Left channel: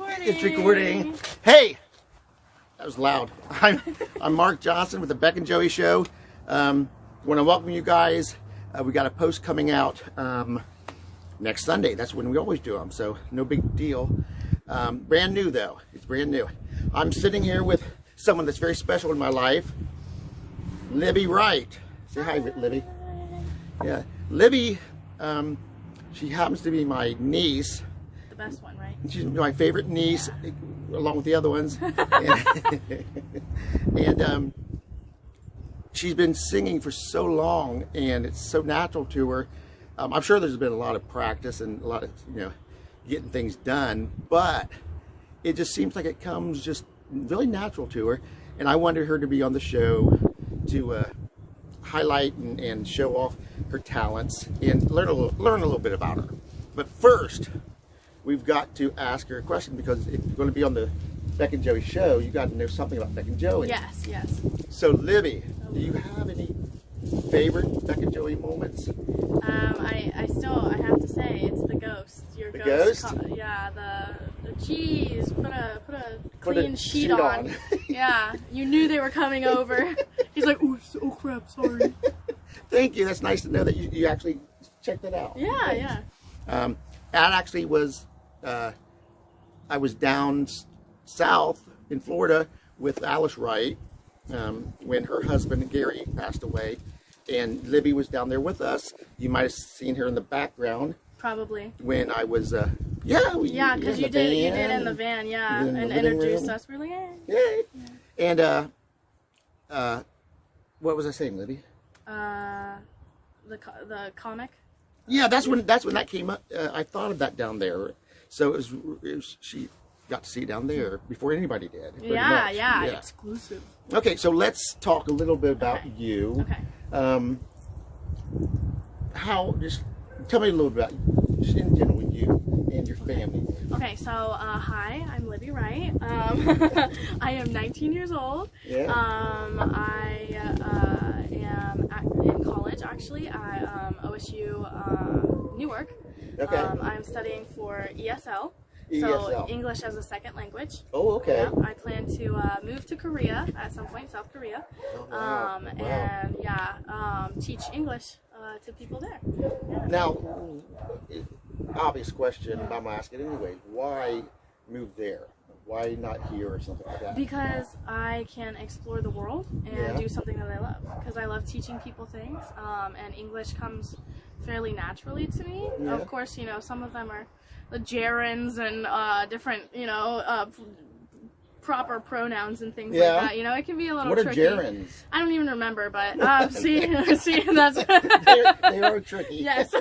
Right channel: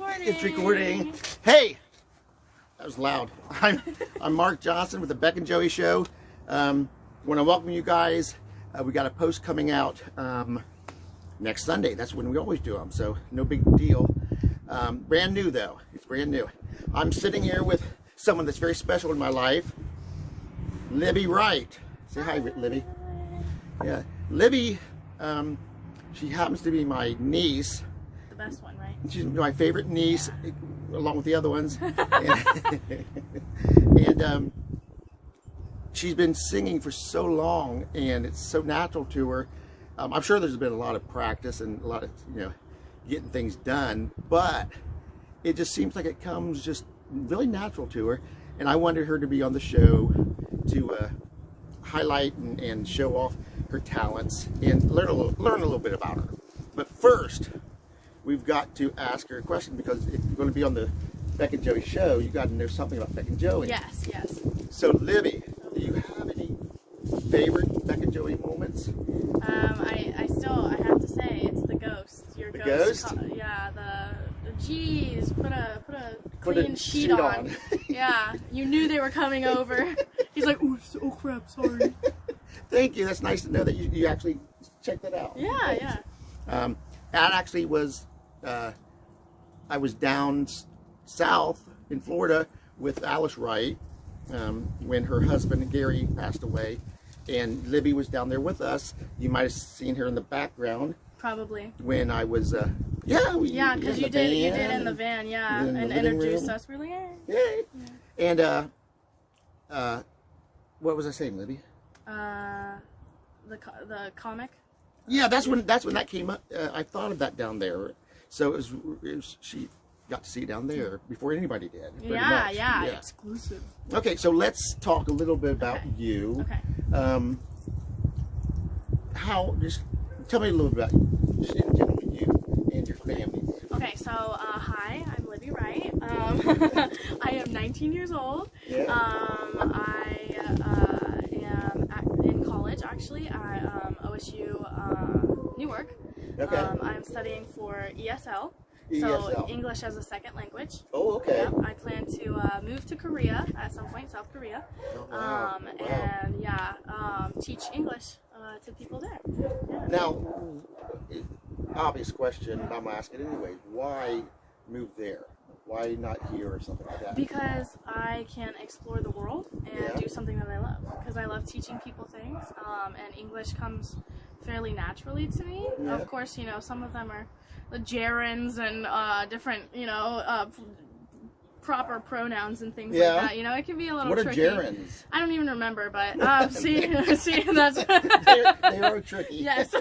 recording. It's recording. Hey, that was loud. I'm Mark Johnson with the Beck and Joey Show. Want to welcome you guys. We got a post coming out next Sunday. That's when we always do them, so no big deal. Brand new though. It's brand new. I'm sitting here with someone that's very special in my life, Libby Wright. Say hi, Libby. Yeah, Libby. She happens to be my niece. The best one, right? She's my favorite niece, along with the other ones. and she's been singing for so long, and it's so natural to her. I'm sure there's been a lot of practice and a lot of, getting things done, but it just seems like it comes just really natural to her. And I wanted her to be on the show to highlight and show off her talents and learn a little bit about her. But first, we've got to ask her a question, because if you're going to be on the Beck and Joey show, you got to know something about Beck and Joey. Yes, yes. So Libby, do you have any favorite Beck and Joey moments? I have to say it's the ghost. Your ghost? Yeah, the geez, put a clean sheet on. Yeah, you knew they were coming over. He's like, oh crap, sorry. Thank you. That's nice to know that you actually checked it out. Yeah, yeah. That actually was, I was down south in Florida with Alice Wright when her husband Gary passed away, and Libby was down there with us. You might have seen her in the background. Probably. When I was, yeah, because you did in the van, yeah, and introduced us. We're like, yay. And what was I saying, Libby? The comic. Yeah, that's when that came up. I thought of that down there, so it was she got to see it down there before anybody did. Yeah, exclusive. Okay, so let's talk a little bit about you. Okay. Just tell me a little bit about in general you and your family. Okay, so hi, I'm Libby Wright. I am 19 years old. Yeah. I am in college actually at OSU Newark. Okay. I'm studying for ESL. ESL. So English as a second language. Oh, okay. Yep. I plan to move to Korea at some point, South Korea. Oh, wow. And teach English to people there. Yeah. Now, obvious question, but I'm gonna ask it anyway. Why move there? Why not here or something like that? Because I can explore the world and do something that I love. Because I love teaching people things, and English comes fairly naturally to me. Yeah. Of course, some of them are the gerunds and different, proper pronouns and things like that. It can be a little tricky. What are gerunds? I don't even remember, but see, that's they are tricky. Yes.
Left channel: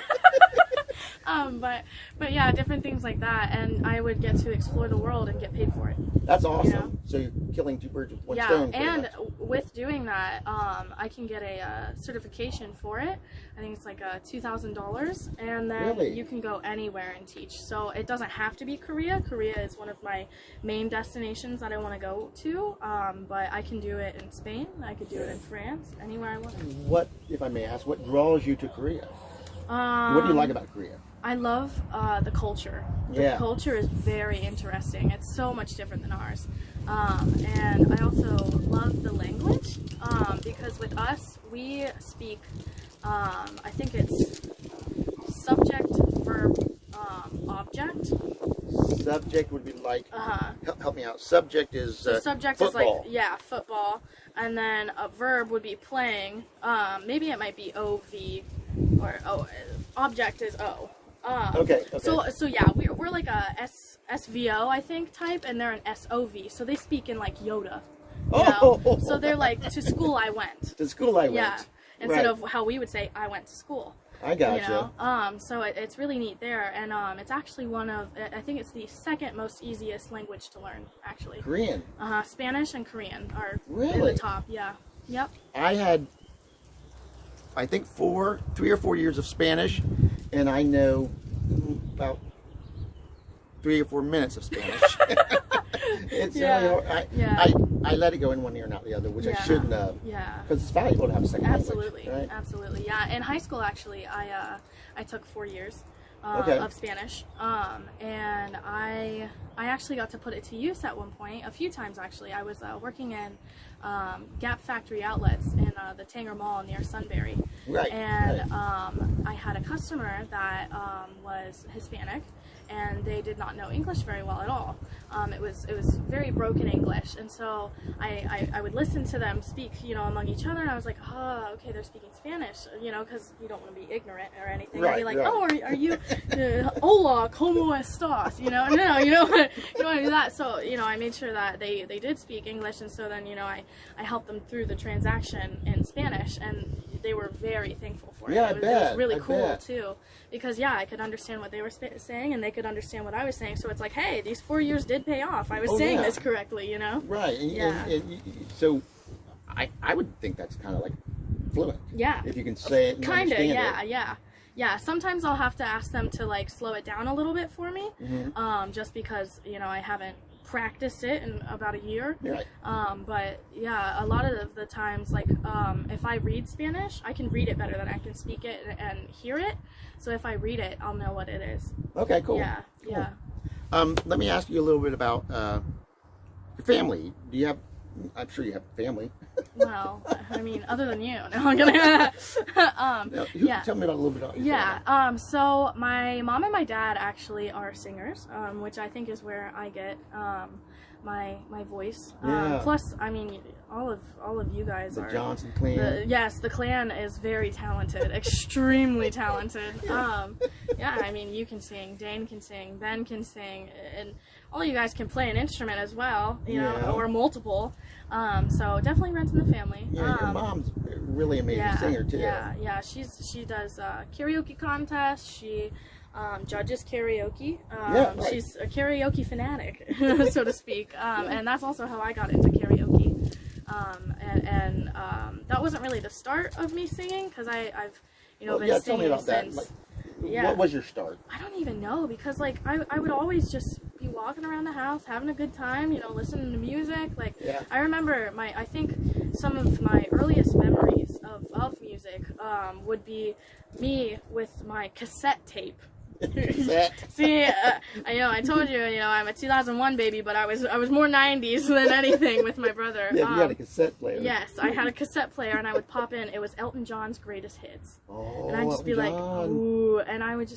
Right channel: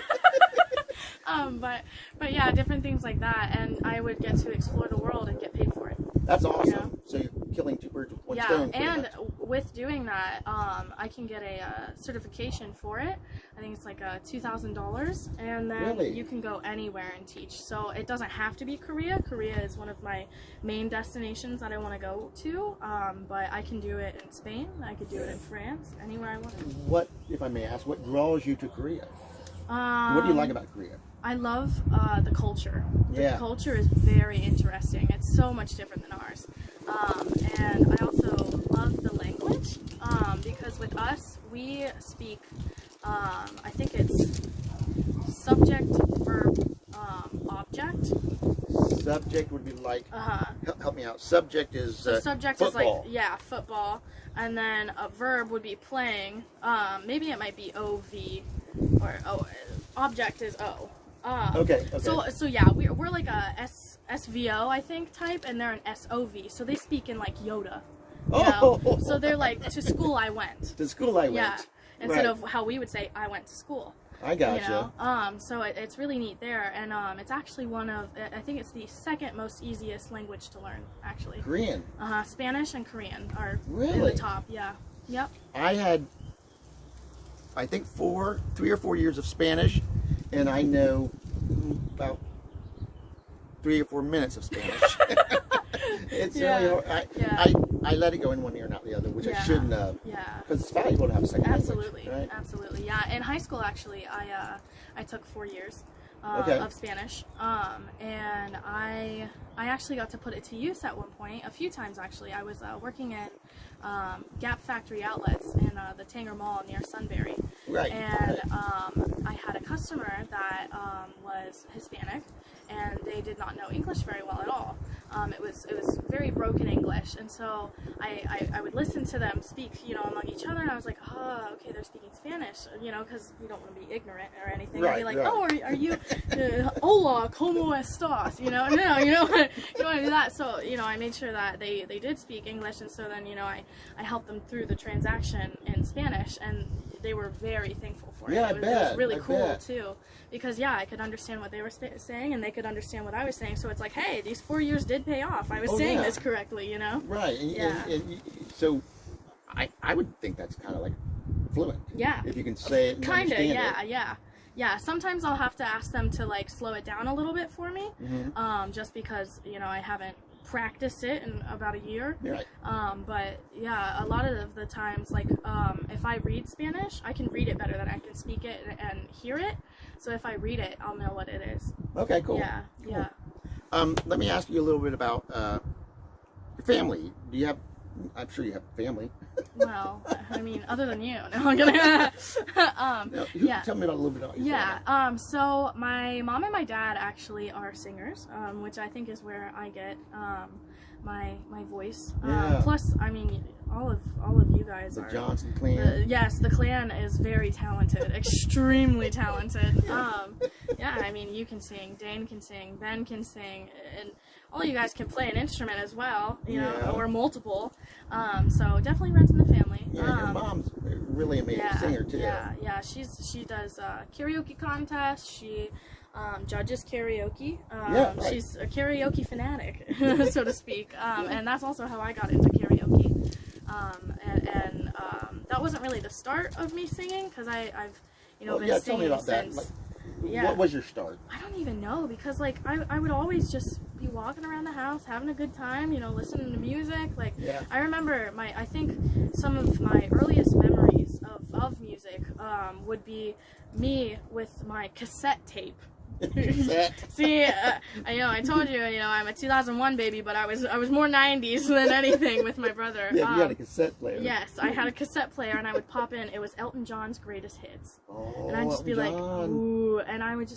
But yeah, different things like that, and I would get to explore the world and get paid for it. That's awesome. So you're killing two birds with one stone. Yeah, and with doing that, I can get a certification for it. I think it's like $2,000, and then you can go anywhere and teach. So it doesn't have to be Korea. Korea is one of my main destinations that I want to go to, but I can do it in Spain. I could do it in France, anywhere I want. What, if I may ask, what draws you to Korea? What do you like about Korea? I love the culture. The culture is very interesting. It's so much different than ours. And I also love the language because with us, we speak, I think it's subject, verb, object. Subject would be like, help me out. Subject is subject football. Is like, football. And then a verb would be playing. Maybe it might be OV, or object is O. Okay. So yeah, we're like a SVO, I think, type, and they're an SOV. So they speak in like Yoda. So they're like, to school I went. To school I went. Yeah. Instead of how we would say, I went to school. I gotcha. So it's really neat there, and it's actually I think it's the second most easiest language to learn, actually. Korean. Spanish and Korean are really in the top. Yeah. Yep. I had, I think 3 or 4 years of Spanish, and I know about 3 or 4 minutes of Spanish. It's I let it go in one ear and out the other, which I shouldn't have. Yeah. Because it's valuable to have a second Absolutely. language, right? Absolutely. Yeah. In high school, actually, I took 4 years of Spanish, and I actually got to put it to use at one point, a few times actually. I was working in Gap Factory Outlets in the Tanger Mall near Sunbury, and I had a customer that was Hispanic, and they did not know English very well at all. It was very broken English, and so I would listen to them speak, you know, among each other, and I was like, oh, okay, they're speaking Spanish, you know, because you don't want to be ignorant or anything. I'd be like, oh, are you, hola, ¿cómo estás? You know, no, you don't want to do that. So, you know, I made sure that they did speak English, and so then, you know, I helped them through the transaction in Spanish, and they were very thankful for it. It was really cool too, because I could understand what they were saying, and they could understand what I was saying. So it's like, hey, these 4 years did pay off. I was saying this correctly, you know? Right. And so I would think that's kind of like fluent. Yeah. If you can say it. Kind of. Yeah. Sometimes I'll have to ask them to like slow it down a little bit for me, just because, you know, I haven't practiced it in about a year. But yeah, a lot of the times, like if I read Spanish, I can read it better than I can speak it and hear it. So if I read it, I'll know what it is. Okay, cool. Yeah. Let me ask you a little bit about your family. Do you have? I'm sure you have family. Well, I mean, other than you. No, I'm gonna. Tell me about a little bit about your family. So my mom and my dad actually are singers, which I think is where I get my voice. Plus, I mean, all of you guys are. The Johnson clan. Yes, the clan is very talented, extremely talented. I mean, you can sing, Dane can sing, Ben can sing, and all you guys can play an instrument as well, you know, or multiple. So definitely runs in the family. Your mom's a really amazing singer too. Yeah. She does karaoke contests. She judges karaoke. She's a karaoke fanatic, so to speak. And that's also how I got into karaoke. And that wasn't really the start of me singing, because I've been singing since. What was your start? I don't even know, because like I would always just be walking around the house having a good time, you know, listening to music. Like I remember I think some of my earliest memories of music would be me with my cassette tape. See, I told you, I'm a 2001 baby, but I was more 90s than anything with my brother. Yeah, you had a cassette player. Yes, I had a cassette player, and I would pop in. It was Elton John's greatest hits, and I'd just be like, ooh, and I would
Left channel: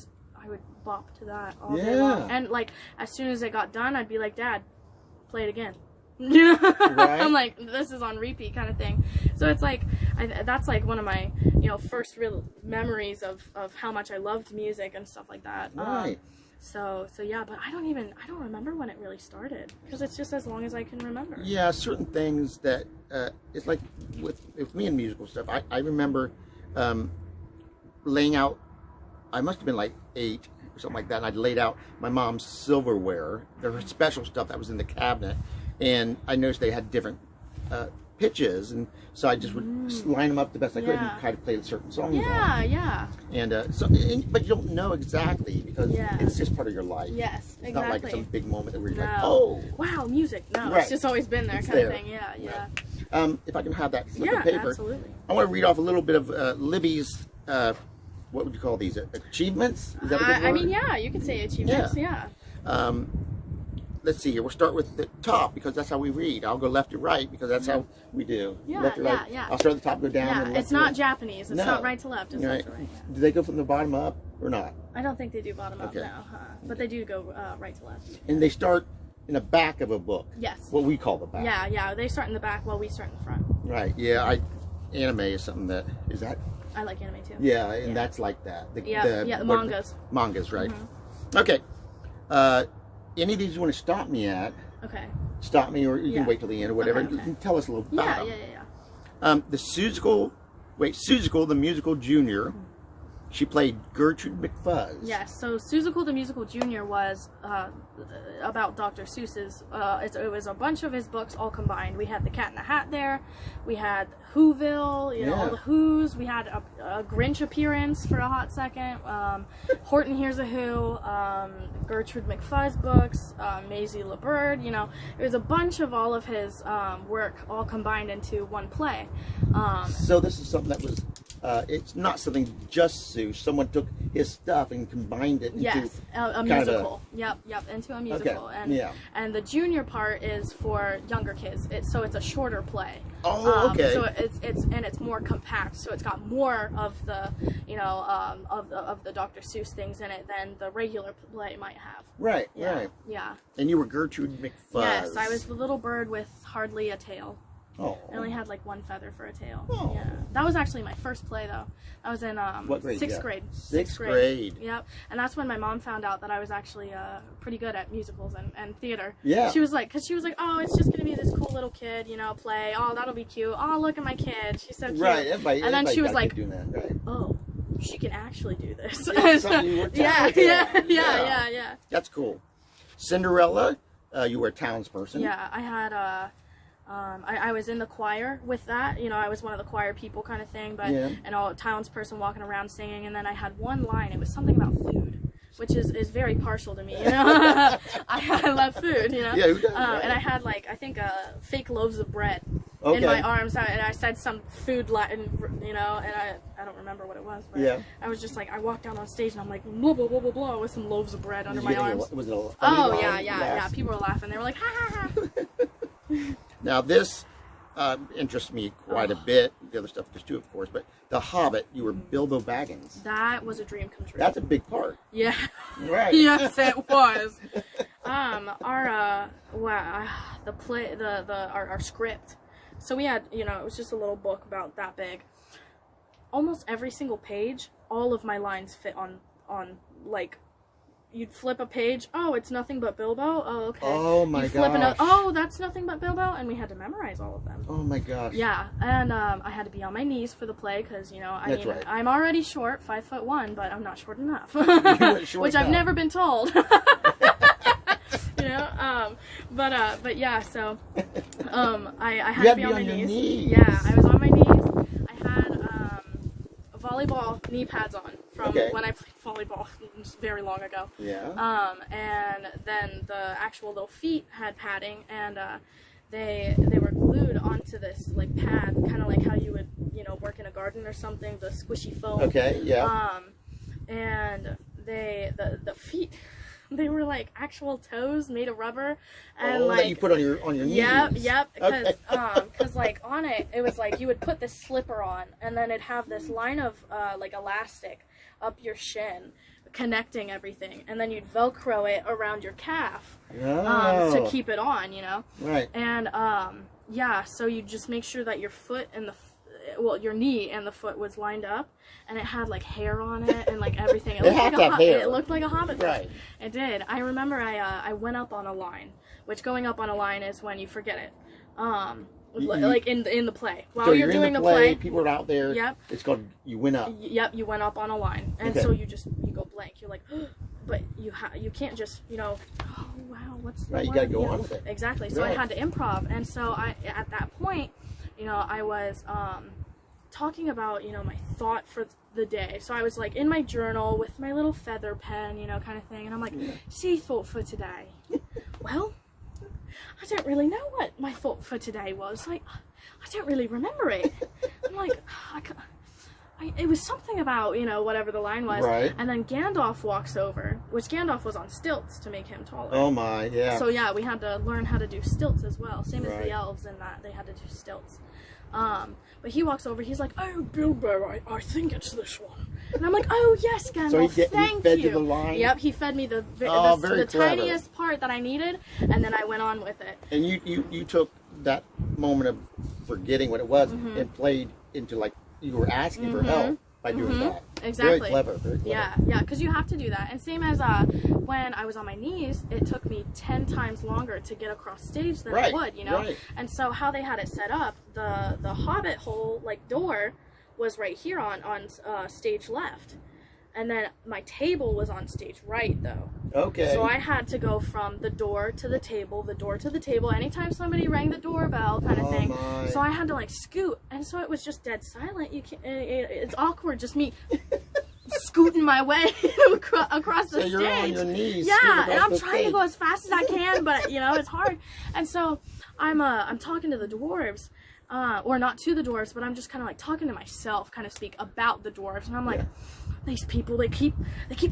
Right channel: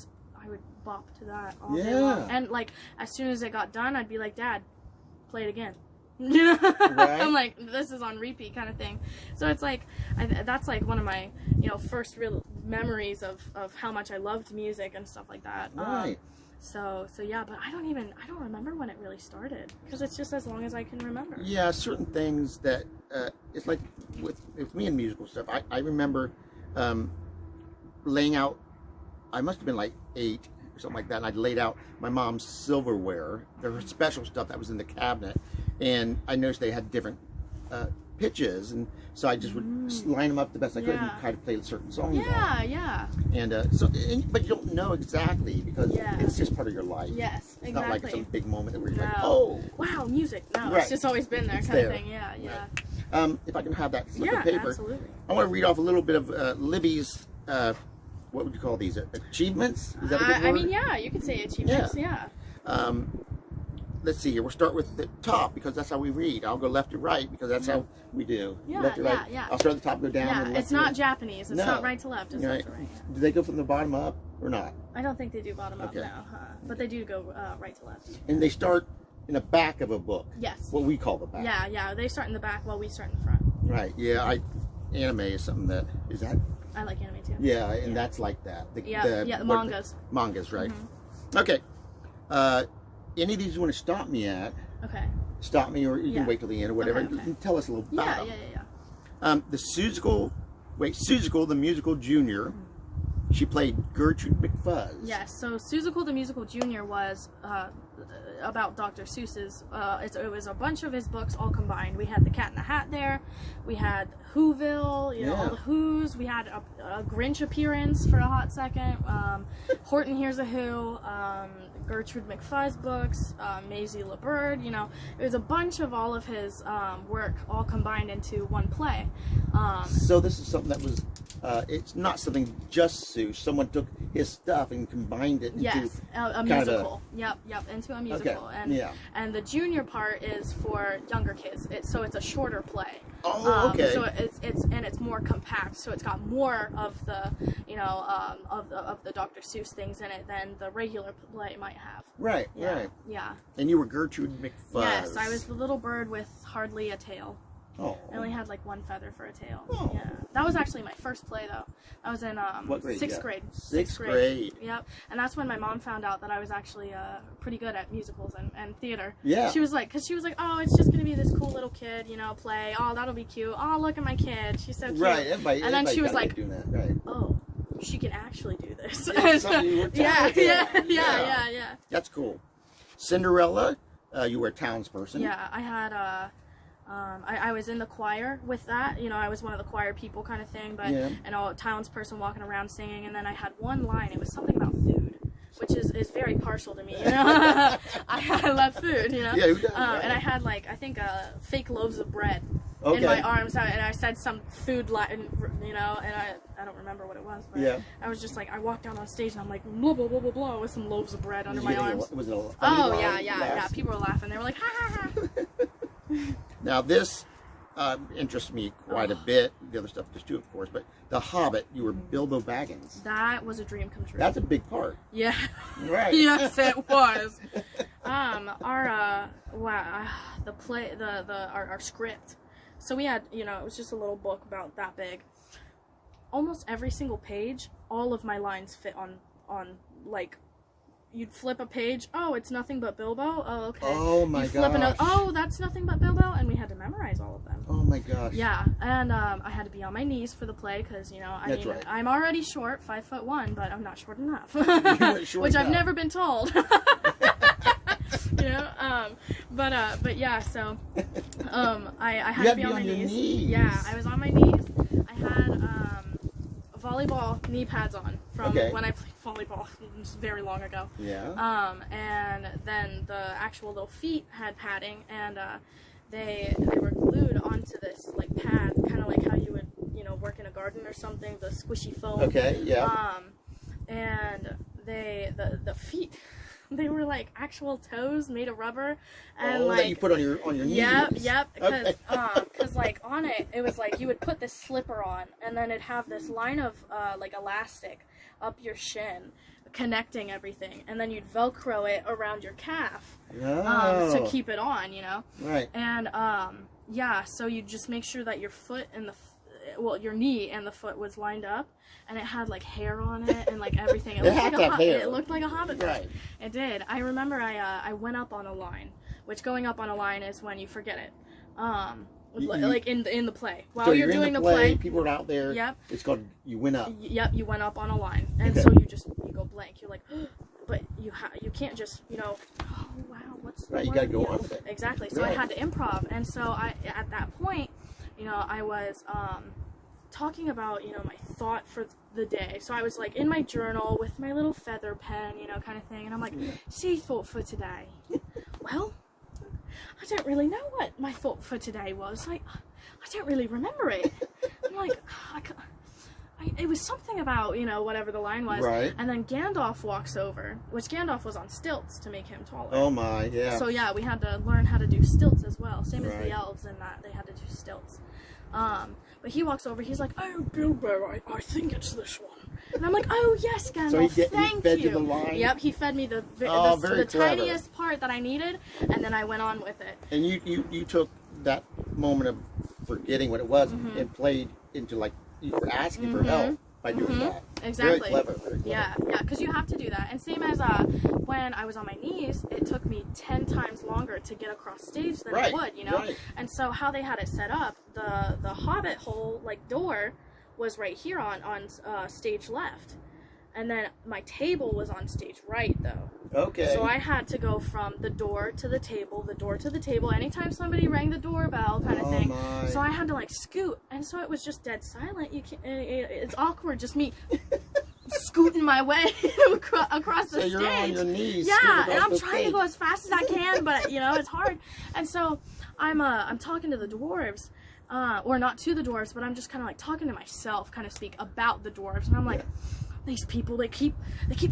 bop to that all day long. And like as soon as it got done, I'd be like, Dad, play it again. You know, I'm like, this is on repeat kind of thing. So it's like that's like one of my first real memories of how much I loved music and stuff like that. So yeah, but I don't remember when it really started, because it's just as long as I can remember. Yeah, certain things that it's like with me and musical stuff. I remember laying out. I must have been like 8 or something like that, and I'd laid out my mom's silverware. There was special stuff that was in the cabinet. And I noticed they had different pitches, and so I just would line them up the best I could and try to play certain songs. And but you don't know exactly, because it's just part of your life. Yes, it's not like some big moment where you're like, oh, wow, music. No, it's just always been there, kind of thing. If I can have that slip of paper, absolutely. I want to read off a little bit of Libby's. What would you call these? Achievements? Is that a good word? I mean, you could say achievements. Let's see here. We'll start with the top, because that's how we read. I'll go left to right, because that's how we do. Left to right. I'll start at the top, go down. And it's not Japanese. It's not right to left. It's left to right. Do they go from the bottom up or not? I don't think they do bottom up now, but they do go right to left. And they start in the back of a book. Yes. What we call the back. Yeah. They start in the back while we start in the front. Right. Yeah. Anime is something that is that. I like anime too. Yeah, and that's like that. The mangas. Mangas, right? Okay. Any of these you want to stop me at? Okay. Stop me, or you can wait till the end or whatever. Okay. You can tell us a little about them. The Seussical, the musical junior. She played Gertrude McFuzz. Yes, so Seussical the Musical Junior was about Dr. Seuss's, it was a bunch of his books all combined. We had The Cat in the Hat there, we had Whoville, all the Whos, we had a Grinch appearance for a hot second, Horton Hears a Who, Gertrude McFuzz books, Maisie LeBird, it was a bunch of all of his work all combined into one play. So this is something that was it's not something just Seuss. Someone took his stuff and combined it into a musical. Yep, into a musical. Okay. And the junior part is for younger kids. So it's a shorter play. Oh, okay. So it's more compact. So it's got more of the of the Dr. Seuss things in it than the regular play might have. Right. Yeah. Right. Yeah. And you were Gertrude McFuzz. Yes, I was the little bird with hardly a tail. Oh. I only had like one feather for a tail. Oh. Yeah. That was actually my first play though. I was in what grade? sixth grade. Sixth grade. Yep. And that's when my mom found out that I was actually pretty good at musicals and theater. Yeah. She was like, oh, it's just gonna be this cool little kid, play. Oh, that'll be cute. Oh, look at my kid. She's so cute. Right. And then she was like, doing that. Right. Oh, she can actually do this. Yeah. That's cool. Cinderella, you were a townsperson. Yeah, I had I was in the choir with that, I was one of the choir people kind of thing, but and a townsperson walking around singing, and then I had one line. It was something about food, which is very partial to me, I love food, Yeah, who doesn't, and I had like I think fake loaves of bread in my arms, and I said some food line, and I don't remember what it was, but I was just like, I walked out on stage and I'm like blah blah blah blah blah with some loaves of bread under my arms. Was it a funny line? Yeah. People were laughing. They were like, ha ha ha. Now this interests me quite a bit. The other stuff does too, of course. But The Hobbit, you were Bilbo Baggins. That was a dream come true. That's a big part. Yeah. Right. Yes, it was. Our script. So we had, it was just a little book about that big. Almost every single page, all of my lines fit on like. You'd flip a page. Oh, it's nothing but Bilbo. Oh, okay. Oh my gosh. Flip another. Oh, that's nothing but Bilbo, and we had to memorize all of them. Oh my gosh. Yeah, and I had to be on my knees for the play because right. I'm already short, 5'1", but I'm not short enough, which I've never been told. But yeah. So I had to be on my knees. Yeah, I was on my knees. I had volleyball knee pads on from when I played volleyball very long ago. Yeah. And then the actual little feet had padding, and they were glued onto this like pad, kind of like how you would work in a garden or something, the squishy foam. Okay. Yeah. And the feet. They were like actual toes made of rubber, and like that you put on your knees. Yep. Because like on it was like you would put this slipper on, and then it'd have this line of like elastic up your shin, connecting everything, and then you'd Velcro it around your calf to keep it on, Right. And so you just make sure that your foot and your knee and the foot was lined up. And it had like hair on it and like everything. It looked like a Hobbit. Right. It did. I remember I went up on a line, which going up on a line is when you forget it. Like in the play. While you're doing the play, people are out there. Yep. It's called you went up. Yep, you went up on a line, and so you go blank. You're like, but you can't just oh wow, what's the word? You gotta go on with it. Exactly. So I had to improv, and so at that point, I was talking about my thought for the day. So I was like in my journal with my little feather pen, kind of thing, and I'm like, see, thought for today. Well, I don't really know what my thought for today was. Like, I don't really remember it. I'm like, it was something about whatever the line was. Right. And then Gandalf walks over, which Gandalf was on stilts to make him taller. Oh my, yeah. So yeah, we had to learn how to do stilts as well. Same as the elves in that they had to do stilts. But he walks over, he's like, oh, Bilbo, I think it's this one. And I'm like, oh, yes, Gandalf, thank you. He fed you the line? Yep, he fed me the tiniest part that I needed, and then I went on with it. And you took that moment of forgetting what it was and played into, like, you were asking for help by doing that. Exactly. Very clever, very clever. Yeah, because you have to do that. And same as when I was on my knees, it took me 10 times longer to get across stage than it would, Right. And so how they had it set up, the Hobbit hole, like, door was right here on stage left. And then my table was on stage right, though. Okay. So I had to go from the door to the table, anytime somebody rang the doorbell kind of thing. My. So I had to like scoot, and so it was just dead silent. You can't, it's awkward, just me scooting my way across the stage. You're on your knees. Yeah, and I'm trying to go as fast as I can, but it's hard. And so I'm talking to the dwarves. or not to the dwarves, but I'm just kind of like talking to myself, kind of speak about the dwarves, and I'm like, these people, they keep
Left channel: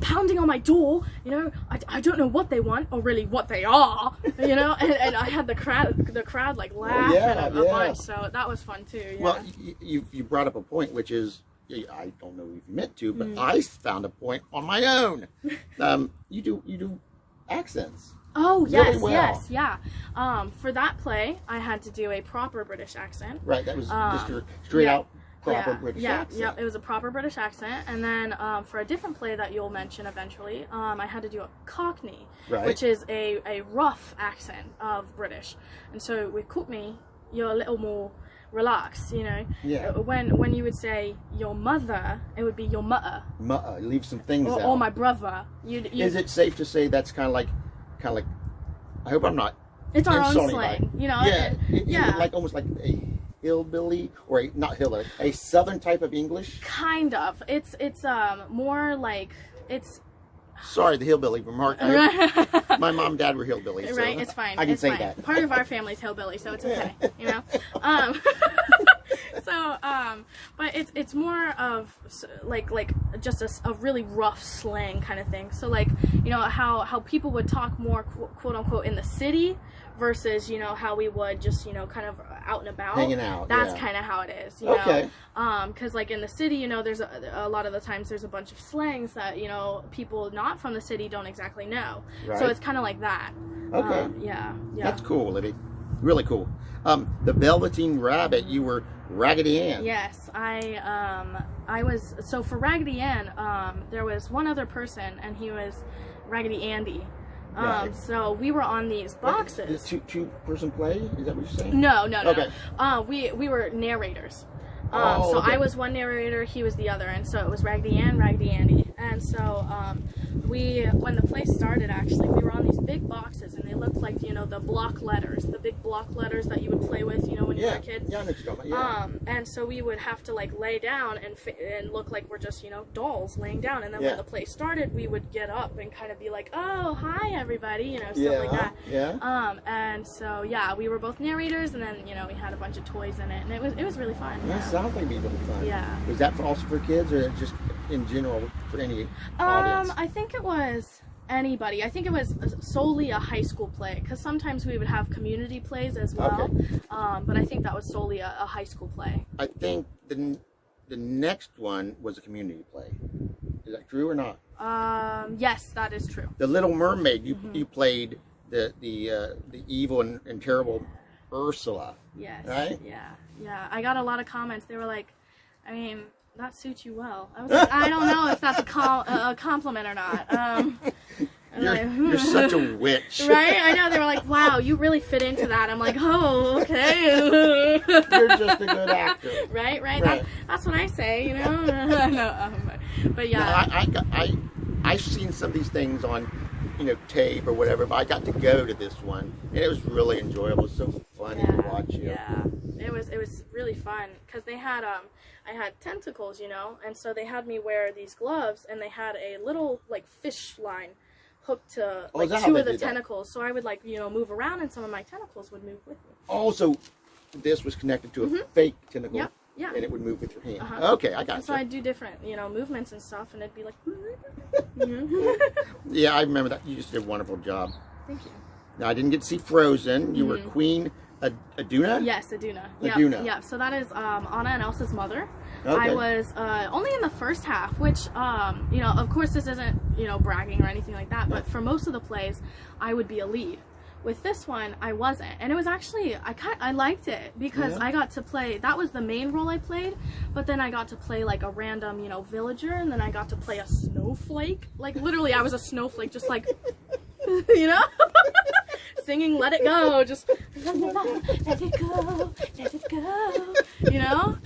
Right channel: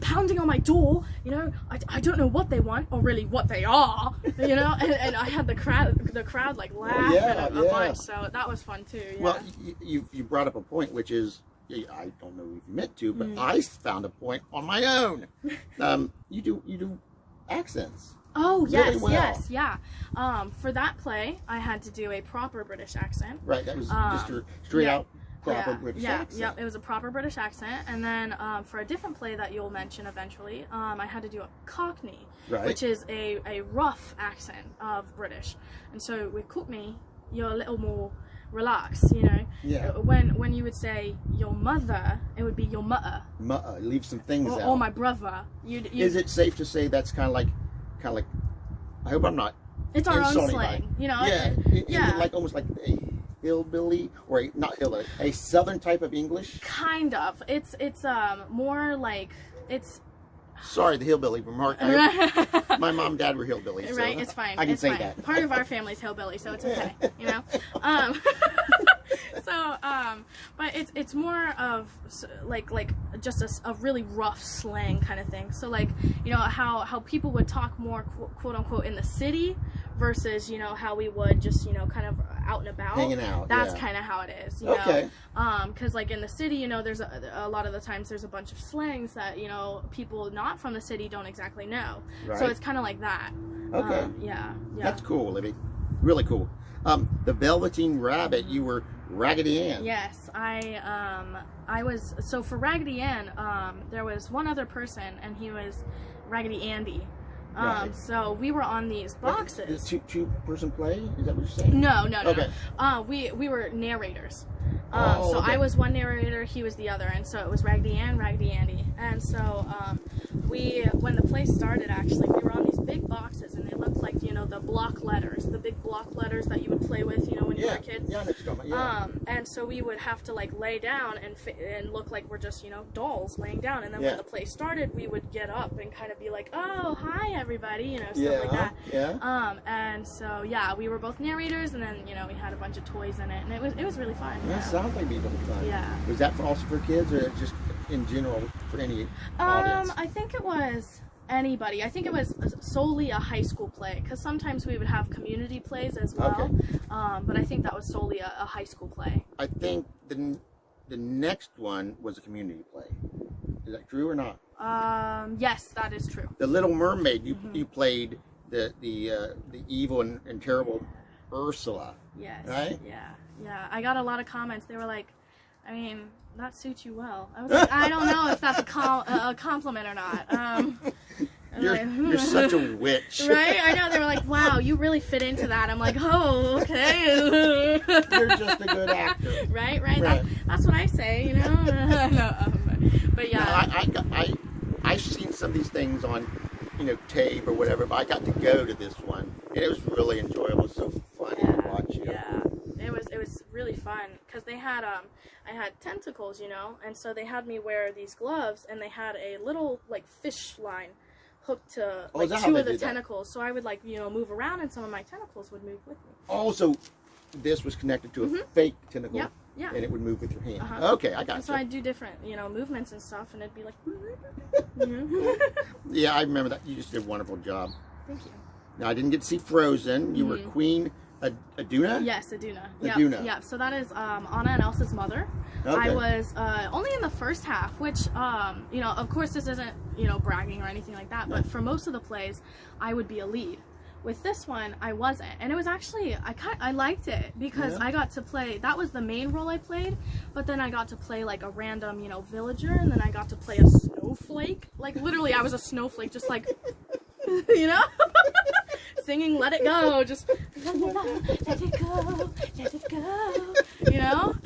pounding on my door, you know, I don't know what they want, or really what they are, you know, and I had the crowd like laugh a bunch, so that was fun too. Yeah. Well, you brought up a point, which is, I don't know if you meant to, but I found a point on my own. You do accents. Oh, yes, really well. yes, yeah. For that play, I had to do a proper British accent. Right, that was just a straight out proper British accent. Yeah, it was a proper British accent. And then for a different play that you'll mention eventually, I had to do a Cockney, which is a rough accent of British. And so with Cockney, you're a little more relaxed, you know. Yeah. When you would say your mother, it would be your mutter. Mutter, leave some things out. Or my brother. Is it safe to say that's kind of like, I hope I'm not. It's our own slang, you know. Yeah. Like almost like a hillbilly, or not hillbilly, a southern type of English. Kind of. It's more like it's. Sorry, the hillbilly remark. My mom and dad were hillbillies. So right, it's fine. I can say fine. that. Part of our family's hillbilly, so it's okay. You know. But it's more of like just a really rough slang kind of thing. So like, you know, how people would talk more quote unquote in the city versus, you know, how we would just, you know, kind of out and about. Hanging out. That's kind of how it is, you know. Because like in the city, you know, there's a lot of the times there's a bunch of slangs that, you know, people not from the city don't exactly know. Right. So it's kind of like that. Okay. Yeah. That's cool, Libby. Really cool. The Velveteen Rabbit, you were Raggedy Ann. Yes, I was, so for Raggedy Ann, there was one other person, and he was Raggedy Andy. So we were on these boxes. Two-person play? Is that what you're saying? No. Okay. We were narrators. I was one narrator, he was the other, and so it was Raggedy Ann, Raggedy Andy. And so when the play started, actually, we were on these big boxes, and they looked like, you know, the block letters, the big block letters that you would play with, you know, when you were a kid. Yeah, I know what you're talking about. And so we would have to like lay down and look like we're just, you know, dolls laying down. And then when the play started, we would get up and kind of be like, oh, hi everybody, you know, stuff like that. Yeah. And so we were both narrators, and then, you know, we had a bunch of toys in it, and it was really fun. Yeah, sounds like it'd be really fun. Yeah. Was that also for kids, or just in general for any audience? I think it was anybody. I think it was solely a high school play, because sometimes we would have community plays as well. Okay. But I think that was solely a high school play. I think the next one was a community play. Is that true or not? Yes, that is true. The Little Mermaid, you played the evil and terrible Ursula. Yes. Right? Yeah. I got a lot of comments. They were like, I mean, that suits you well. I was like, I don't know if that's a compliment or not. You're such a witch. Right? I know. They were like, wow, you really fit into that. I'm like, oh, okay. You're just a good actor. Right? That's what I say, you know? But yeah. No, I've seen some of these things on, you know, tape or whatever, but I got to go to this one, and it was really enjoyable. It was so funny to watch. Yeah. It was really fun, because they had I had tentacles, you know, and so they had me wear these gloves, and they had a little like fish line hooked to like two of the tentacles, so I would like, you know, move around, and some of my tentacles would move with me. Oh, so this was connected to a fake tentacle. Yeah. And it would move with your hand. Okay, I got it. So I'd do different, you know, movements and stuff, and it'd be like. Yeah, I remember that. You just did a wonderful job. Thank you. Now, I didn't get to see Frozen. You were Queen Aduna? Yes, Aduna. Aduna. Yeah, so that is Anna and Elsa's mother. Okay. I was only in the first half, which, you know, of course this isn't, you know, bragging or anything like that, but for most of the plays, I would be a lead. With this one, I wasn't, and it was actually, I liked it, because I got to play, that was the main role I played, but then I got to play like a random, you know, villager, and then I got to play a snowflake, like literally I was a snowflake, just like, you know, singing Let It Go, just let it go, you know,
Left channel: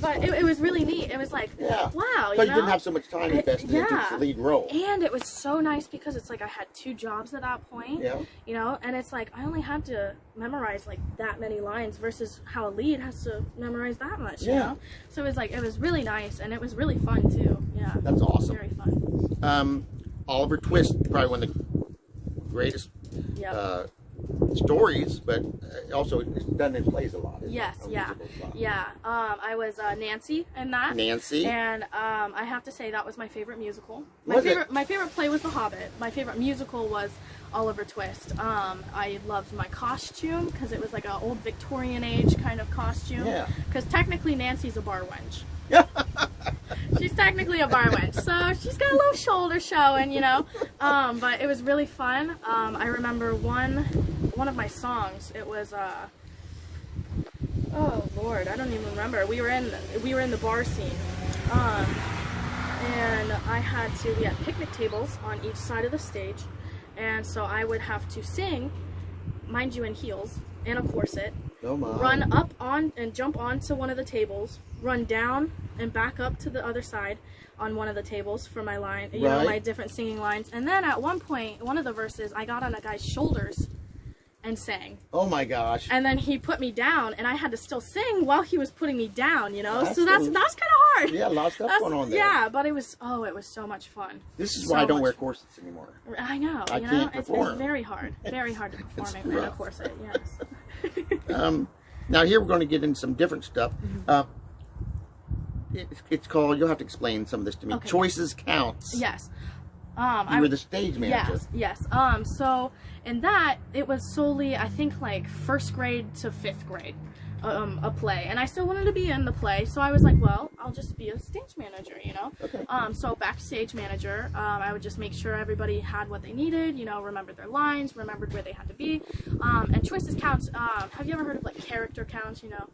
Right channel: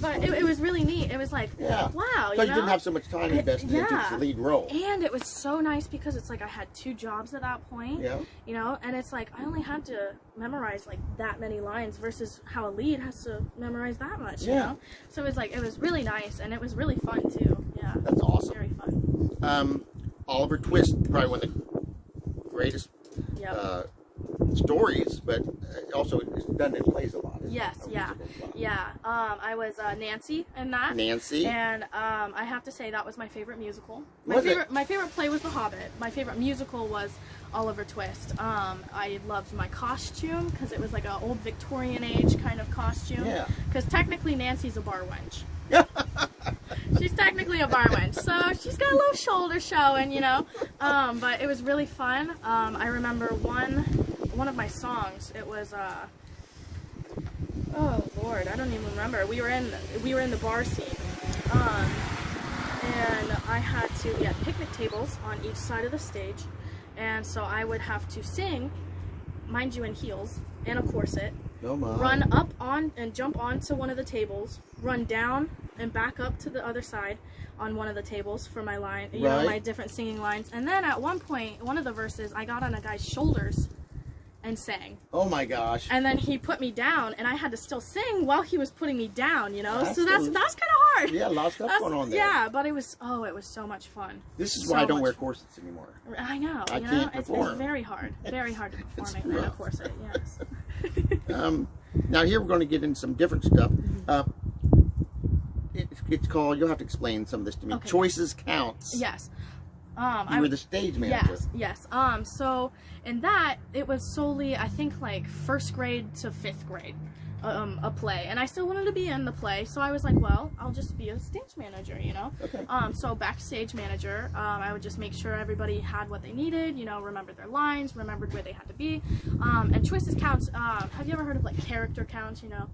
but it was really neat. It was like, wow, you didn't have so much time invested into the lead role. And it was so nice, because it's like I had 2 jobs at that point, you know, and it's like I only had to memorize like that many lines versus how a lead has to memorize that much, you know, so it was like, it was really nice, and it was really fun too. Yeah, that's awesome. Very fun. Oliver Twist, probably one of the greatest stories, but also it's done in plays a lot. Yes, yeah. I was Nancy in that. Nancy. And I have to say that was my favorite musical. My favorite play was The Hobbit. My favorite musical was Oliver Twist. I loved my costume because it was like an old Victorian age kind of costume. Yeah. Because technically Nancy's a bar wench. She's technically a bar wench, so she's got a little shoulder showing, you know. But it was really fun. I remember one of my songs. It was oh Lord, I don't even remember. We were in the bar scene, and we had picnic tables on each side of the stage, and so I would have to sing, mind you, in heels and a corset. Oh my. Run up on and jump onto one of the tables, run down and back up to the other side on one of the tables for my line, you know, my different singing lines. And then at one point, one of the verses, I got on a guy's shoulders and sang. Oh my gosh. And then he put me down, and I had to still sing while he was putting me down, you know. So that's kind of hard. Yeah, a lot of stuff going on there. Yeah, but it was so much fun. This is why I don't wear corsets anymore. I know. I can't perform. It's very hard to perform in a corset. Yes. Now here we're going to get into some different stuff. It's called, you'll have to explain some of this to me. Okay. Choices Counts. Yes. You were the stage manager. Yes. So in that, it was solely, I think, like 1st grade to 5th grade, a play. And I still wanted to be in the play, so I was like, well, I'll just be a stage manager, you know? Okay. So backstage manager, I would just make sure everybody had what they needed, you know, remembered their lines, remembered where they had to be. And Choices Counts, have you ever heard of, like, character counts, you know?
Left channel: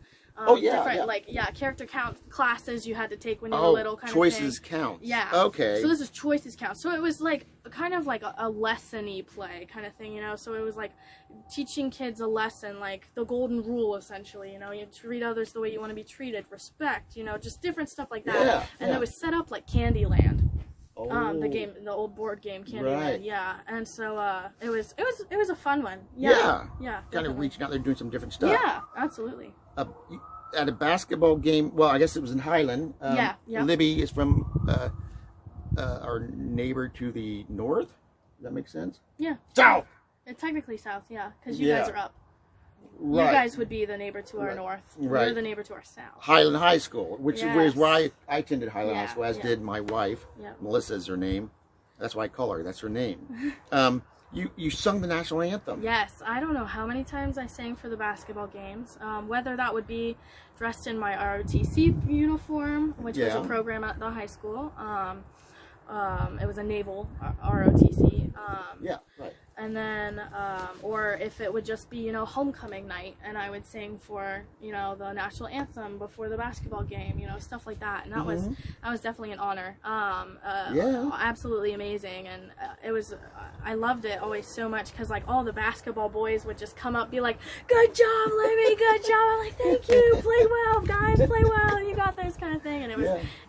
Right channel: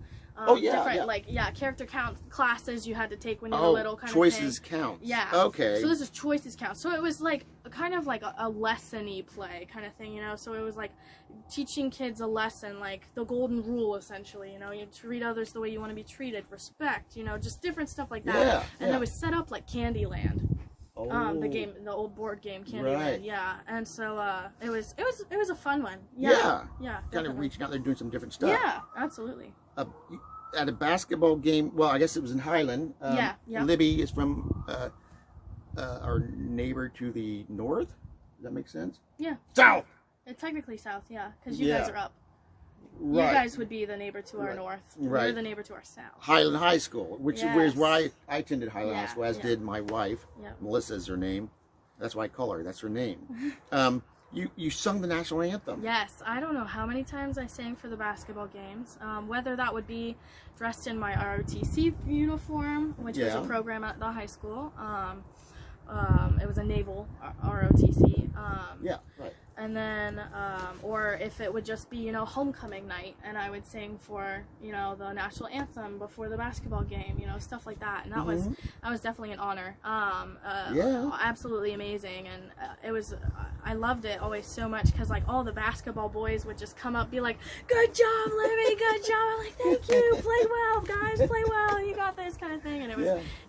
Character count classes you had to take when you were little, kind of thing. Choices Count. Yeah. Okay. So this is Choices Count. So it was like kind of like a lesson-y play kind of thing, you know. So it was like teaching kids a lesson, like the golden rule, essentially. You know, you treat others the way you want to be treated, respect, you know, just different stuff like that. Yeah. And it was set up like Candyland. Oh. The old board game Candyland. Right. Yeah. And so it was a fun one. Yeah. Kind of reaching out there, doing some different stuff. Yeah, absolutely. At a basketball game, well, I guess it was in Highland. Libby is from our neighbor to the north. Does that make sense? Yeah. South! It's technically south, yeah, because you guys are up. Right. You guys would be the neighbor to our north. Right. We're the neighbor to our south. Highland High School, which is where I attended Highland High School, as did my wife. Melissa is her name. That's why I call her. That's her name. You sung the national anthem. Yes. I don't know how many times I sang for the basketball games. Whether that would be dressed in my ROTC uniform, which was a program at the high school. It was a Naval ROTC. And then, or if it would just be, you know, homecoming night, and I would sing for, you know, the national anthem before the basketball game, you know, stuff like that. And that was definitely an honor. Absolutely amazing. And I loved it always so much, because like all the basketball boys would just come up, be like, "Good job, Libby, good job." I'm like, "Thank you, play well, guys, play well, you got this," kind of thing. And it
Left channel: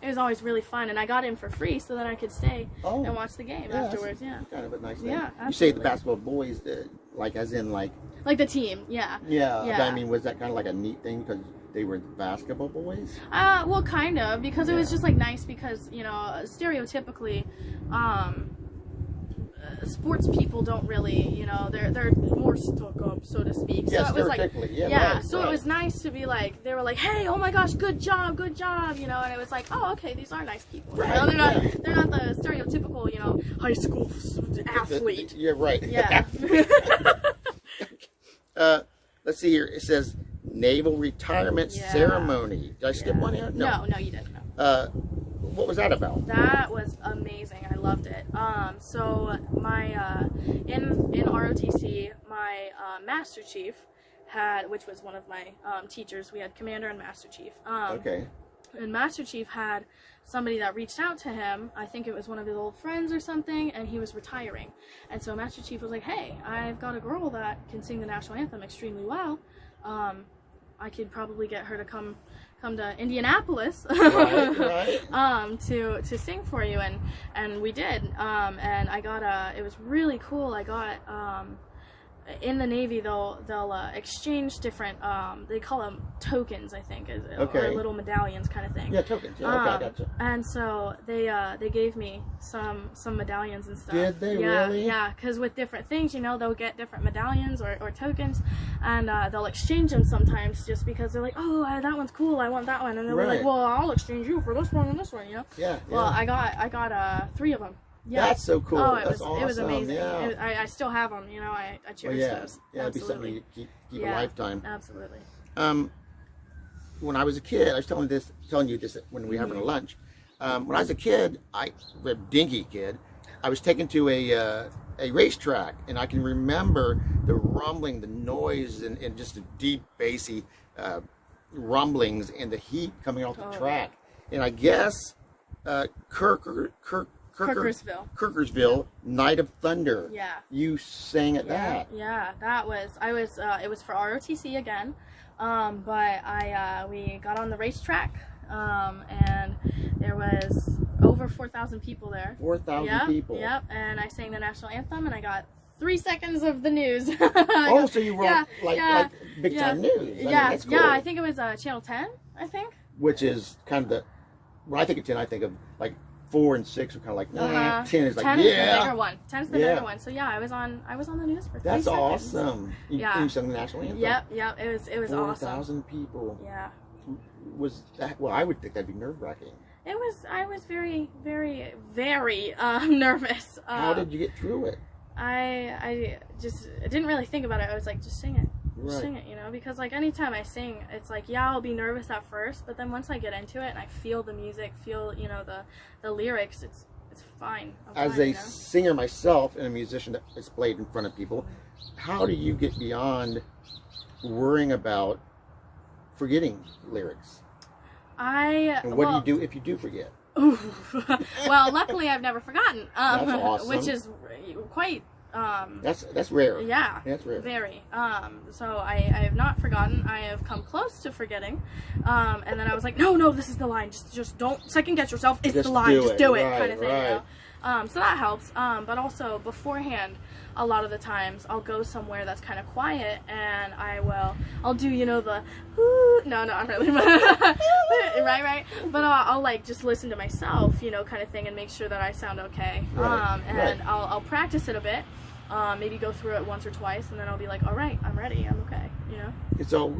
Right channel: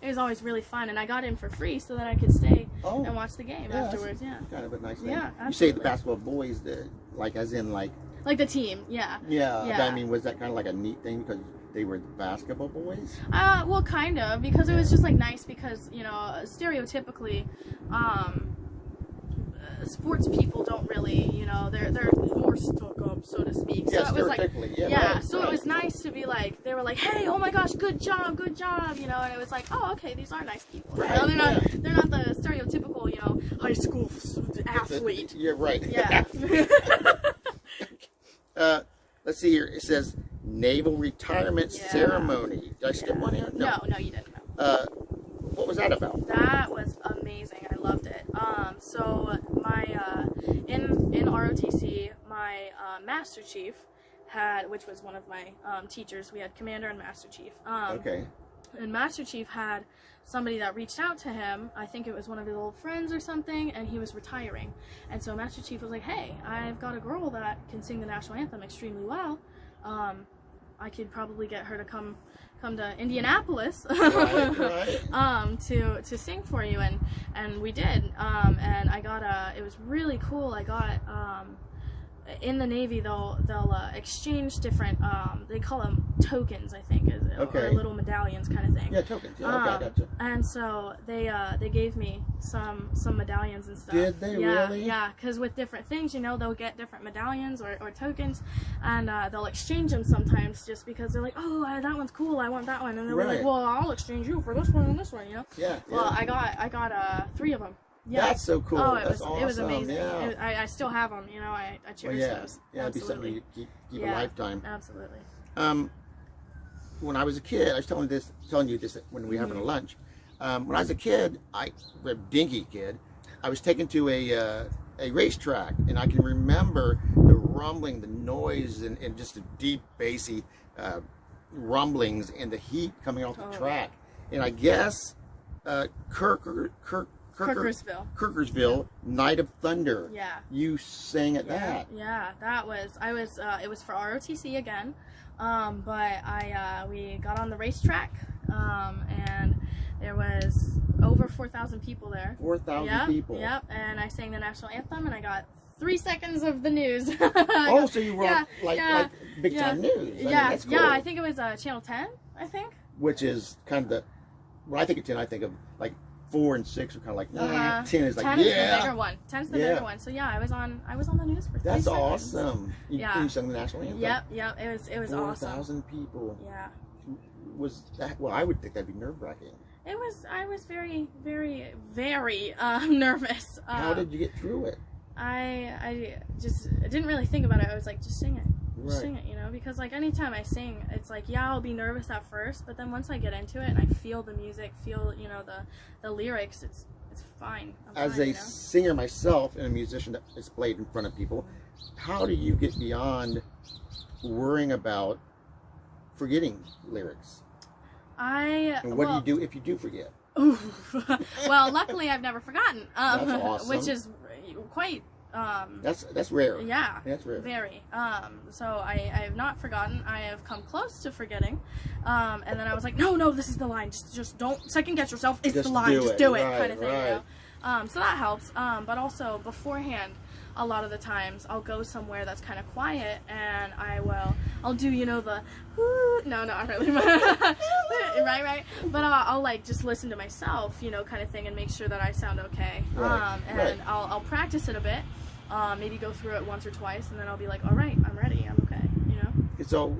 was always really fun. And I got in for free so that I could stay and watch the game afterwards. Yeah. Kind of a nice thing. Yeah, absolutely. You say the basketball boys, like as in like the team, yeah. I mean, was that kind of like a neat thing because they were the basketball boys? Well, kind of, because it was just like nice, because, you know, stereotypically, sports people don't really, you know, they're more stuck up, so to speak. So it was like, so it was nice to be like, they were like, "Hey, oh my gosh, good job," you know, and it was like, oh, okay, these are nice people. You know, they're not the stereotypical, you know, high school athlete. You're right. Yeah. Let's see here. It says Naval Retirement Ceremony. Did I skip one here? No, you didn't. What was that about? That was amazing. I loved it. So my in ROTC, my Master Chief which was one of my teachers. We had Commander and Master Chief. And Master Chief had somebody that reached out to him. I think it was one of his old friends or something, and he was retiring. And so Master Chief was like, "Hey, I've got a girl that can sing the national anthem extremely well. I could probably get her to come to Indianapolis to sing for you," and we did, and I got it was really cool. I got in the Navy, they'll exchange different, they call them tokens, I think, or little medallions kind of thing. Yeah, tokens. Yeah, okay, I gotcha. And so they gave me some medallions and stuff. Did they really? Yeah, because with different things, you know, they'll get different medallions or tokens, and they'll exchange them sometimes just because they're like, oh, that one's cool, I want that one, and they'll be like, well, I'll exchange you for this one and this one, you know. Yeah. Well, I got 3 of them. Yeah. That's so cool. Oh, That's awesome. It was amazing. Yeah. I still have them, you know, I cherish those. Yeah, it'd be something you keep a lifetime. Absolutely. When I was a kid, I was telling you this when we were having a lunch. When I was a kid, a dinky kid, I was taken to a racetrack, and I can remember the rumbling, the noise, and just the deep, bassy rumblings and the heat coming off the track. And I guess Kirkersville, Night of Thunder. Yeah. You sang at that. Yeah, it was for ROTC again. But we got on the racetrack, and there was over 4,000 people there. 4,000 people. Yep, and I sang the national anthem, and I got 3 seconds of the news. So you were like big time news. I mean, that's cool. Yeah, I think it was Channel 10, I think. Which is kind of when I think of 10, I think of like 4 and 6 are kind of like 10 is like 10 is the bigger one. 10's the bigger one. So yeah, I was on the news for 3 seconds. That's awesome. You sang the national anthem. Yep, it was 4,000 awesome. 4,000 people. Yeah. Was that? Well, I would think that'd be nerve-wracking. I was very, very, very nervous. How did you get through it? I didn't really think about it. I was like, just sing it. Right. Sing it, you know, because like anytime I sing, it's like, yeah, I'll be nervous at first, but then once I get into it and I feel the music, feel, you know, the lyrics, it's fine. As a singer myself and a musician that has played in front of people, how do you get beyond worrying about forgetting lyrics? And what do you do if you do forget? Well, luckily I've never forgotten. That's awesome. Which is quite that's rare. Yeah, that's rare. Very. So I have not forgotten. I have come close to forgetting, and then I was like, no, this is the line. Just don't second guess yourself. It's the line. Just do it, kind of thing. You know? So that helps. But also beforehand, a lot of the times I'll go somewhere that's kind of quiet, and I'll do, you know, the no, not really, right. But I'll like just listen to myself, you know, kind of thing, and make sure that I sound okay. And I'll practice it a bit. Maybe go through it once or twice, and then I'll be like, all right, I'm ready, I'm okay, you know? So,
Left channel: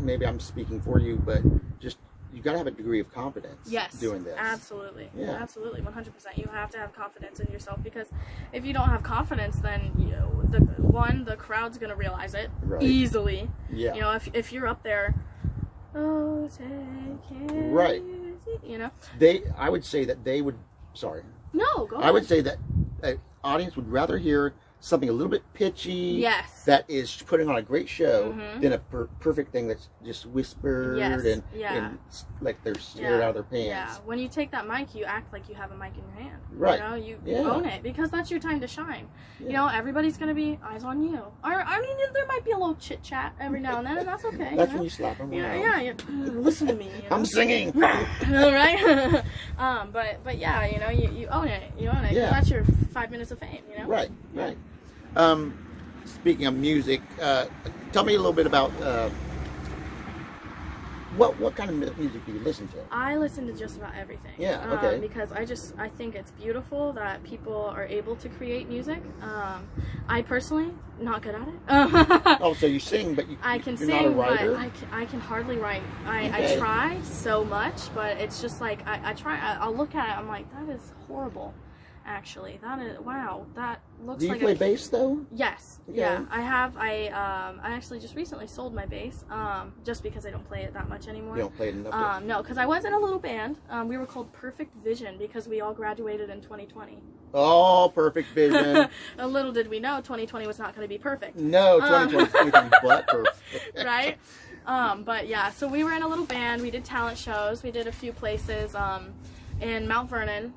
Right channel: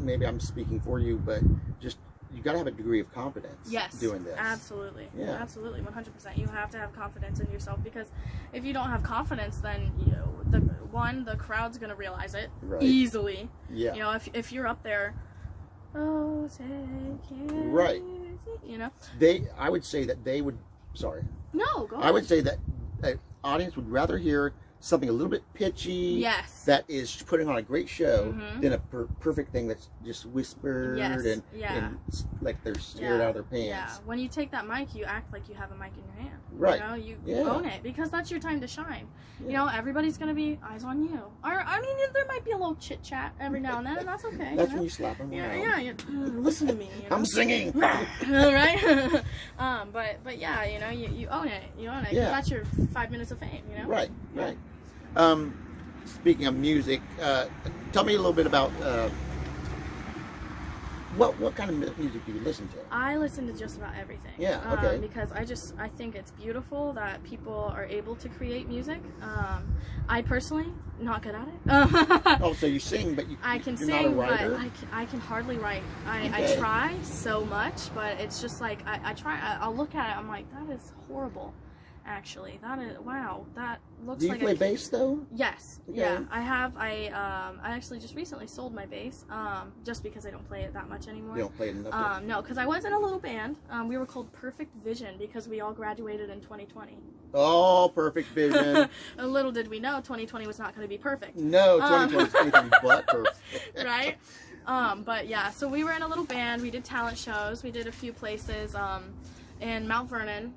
maybe I'm speaking for you, but just, you gotta have a degree of confidence doing this. Absolutely. Yeah. Absolutely, 100%. You have to have confidence in yourself, because if you don't have confidence, then, you know, the crowd's gonna realize it easily. Yeah. You know, if you're up there, oh, take it, you know? I would say that they would, sorry. No, go ahead. I would say that an audience would rather hear something a little bit pitchy that is putting on a great show than a perfect thing that's just whispered and like they're scared out of their pants. Yeah, when you take that mic, you act like you have a mic in your hand. Right. You know, you own it, because that's your time to shine. Yeah. You know, everybody's going to be eyes on you. I mean, there might be a little chit chat every now and then, and that's okay. That's when you slap them around. Listen to me. You know? I'm singing. Right? But yeah, you know, you own it. You own it. Yeah. That's your 5 minutes of fame, you know? Right. Speaking of music, tell me a little bit about what kind of music do you listen to? I listen to just about everything. Yeah, okay. Because I think it's beautiful that people are able to create music. I personally, not good at it. Oh, so you sing, but I can you're sing, not a writer? but I can hardly write. I try so much, but it's just like, I'll look at it, I'm like, that is horrible. Actually, that is, wow, that looks like. Do you play bass though? Yes, okay. Yeah, I have. I actually just recently sold my bass, just because I don't play it that much anymore. You don't play it enough? No, because I was in a little band. We were called Perfect Vision because we all graduated in 2020. Oh, Perfect Vision. A little did we know 2020 was not going to be perfect. No, 2020 is anything but perfect. Right? But yeah, so we were in a little band. We did talent shows. We did a few places. In Mount Vernon,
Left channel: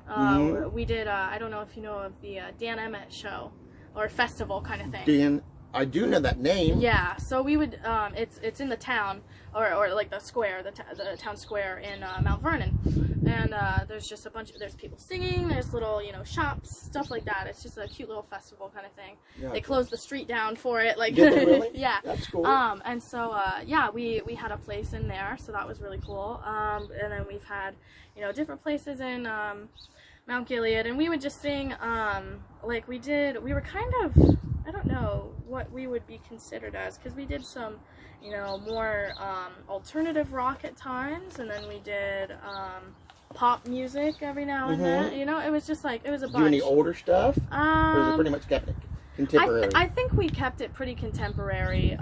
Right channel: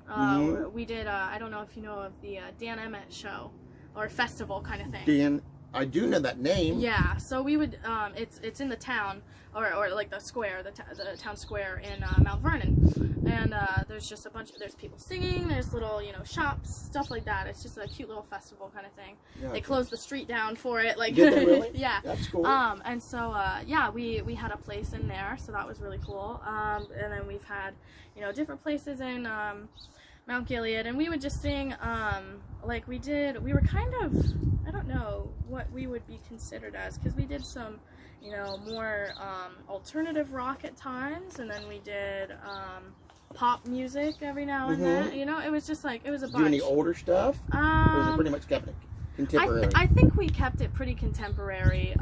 we did, I don't know if you know of the Dan Emmett show, or festival kind of thing. Dan, I do know that name. Yeah, so we would, it's in the town, or like the square, the town square in Mount Vernon. and there's just there's people singing, there's little, you know, shops, stuff like that. It's just a cute little festival kind of thing. Yeah, they closed the street down for it, like, did they really? Yeah. That's cool. And so yeah, we had a place in there, so that was really cool. And then we've had, you know, different places in Mount Gilead, and we would just sing, like we were kind of, I don't know what we would be considered as, because we did some, you know, more alternative rock at times, and then we did pop music every now and then. You know, it was just like, it was a bunch. Do any older stuff? Or is it pretty much kept contemporary? I think we kept it pretty contemporary.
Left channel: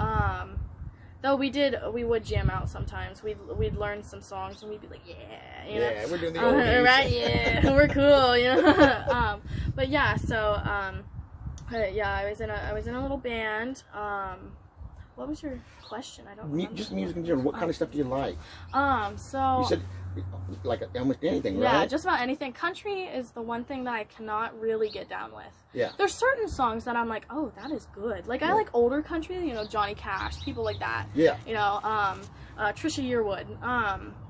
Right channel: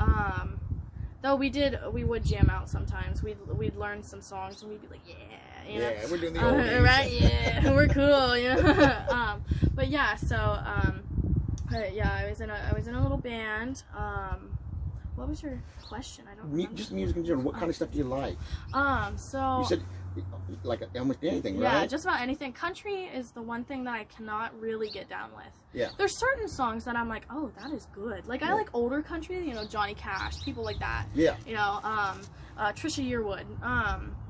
Though we would jam out sometimes. We'd learn some songs and we'd be like, yeah, you know? Yeah, we're doing the oldies. Right, yeah, we're cool, you know. But yeah, so yeah, I was in a little band. What was your question? I don't remember. Just music in general. What kind of stuff do you like? So you said like almost anything, right? Yeah, just about anything. Country is the one thing that I cannot really get down with. Yeah. There's certain songs that I'm like, oh, that is good. Like, I like older country, you know, Johnny Cash, people like that. Yeah. You know, Trisha Yearwood,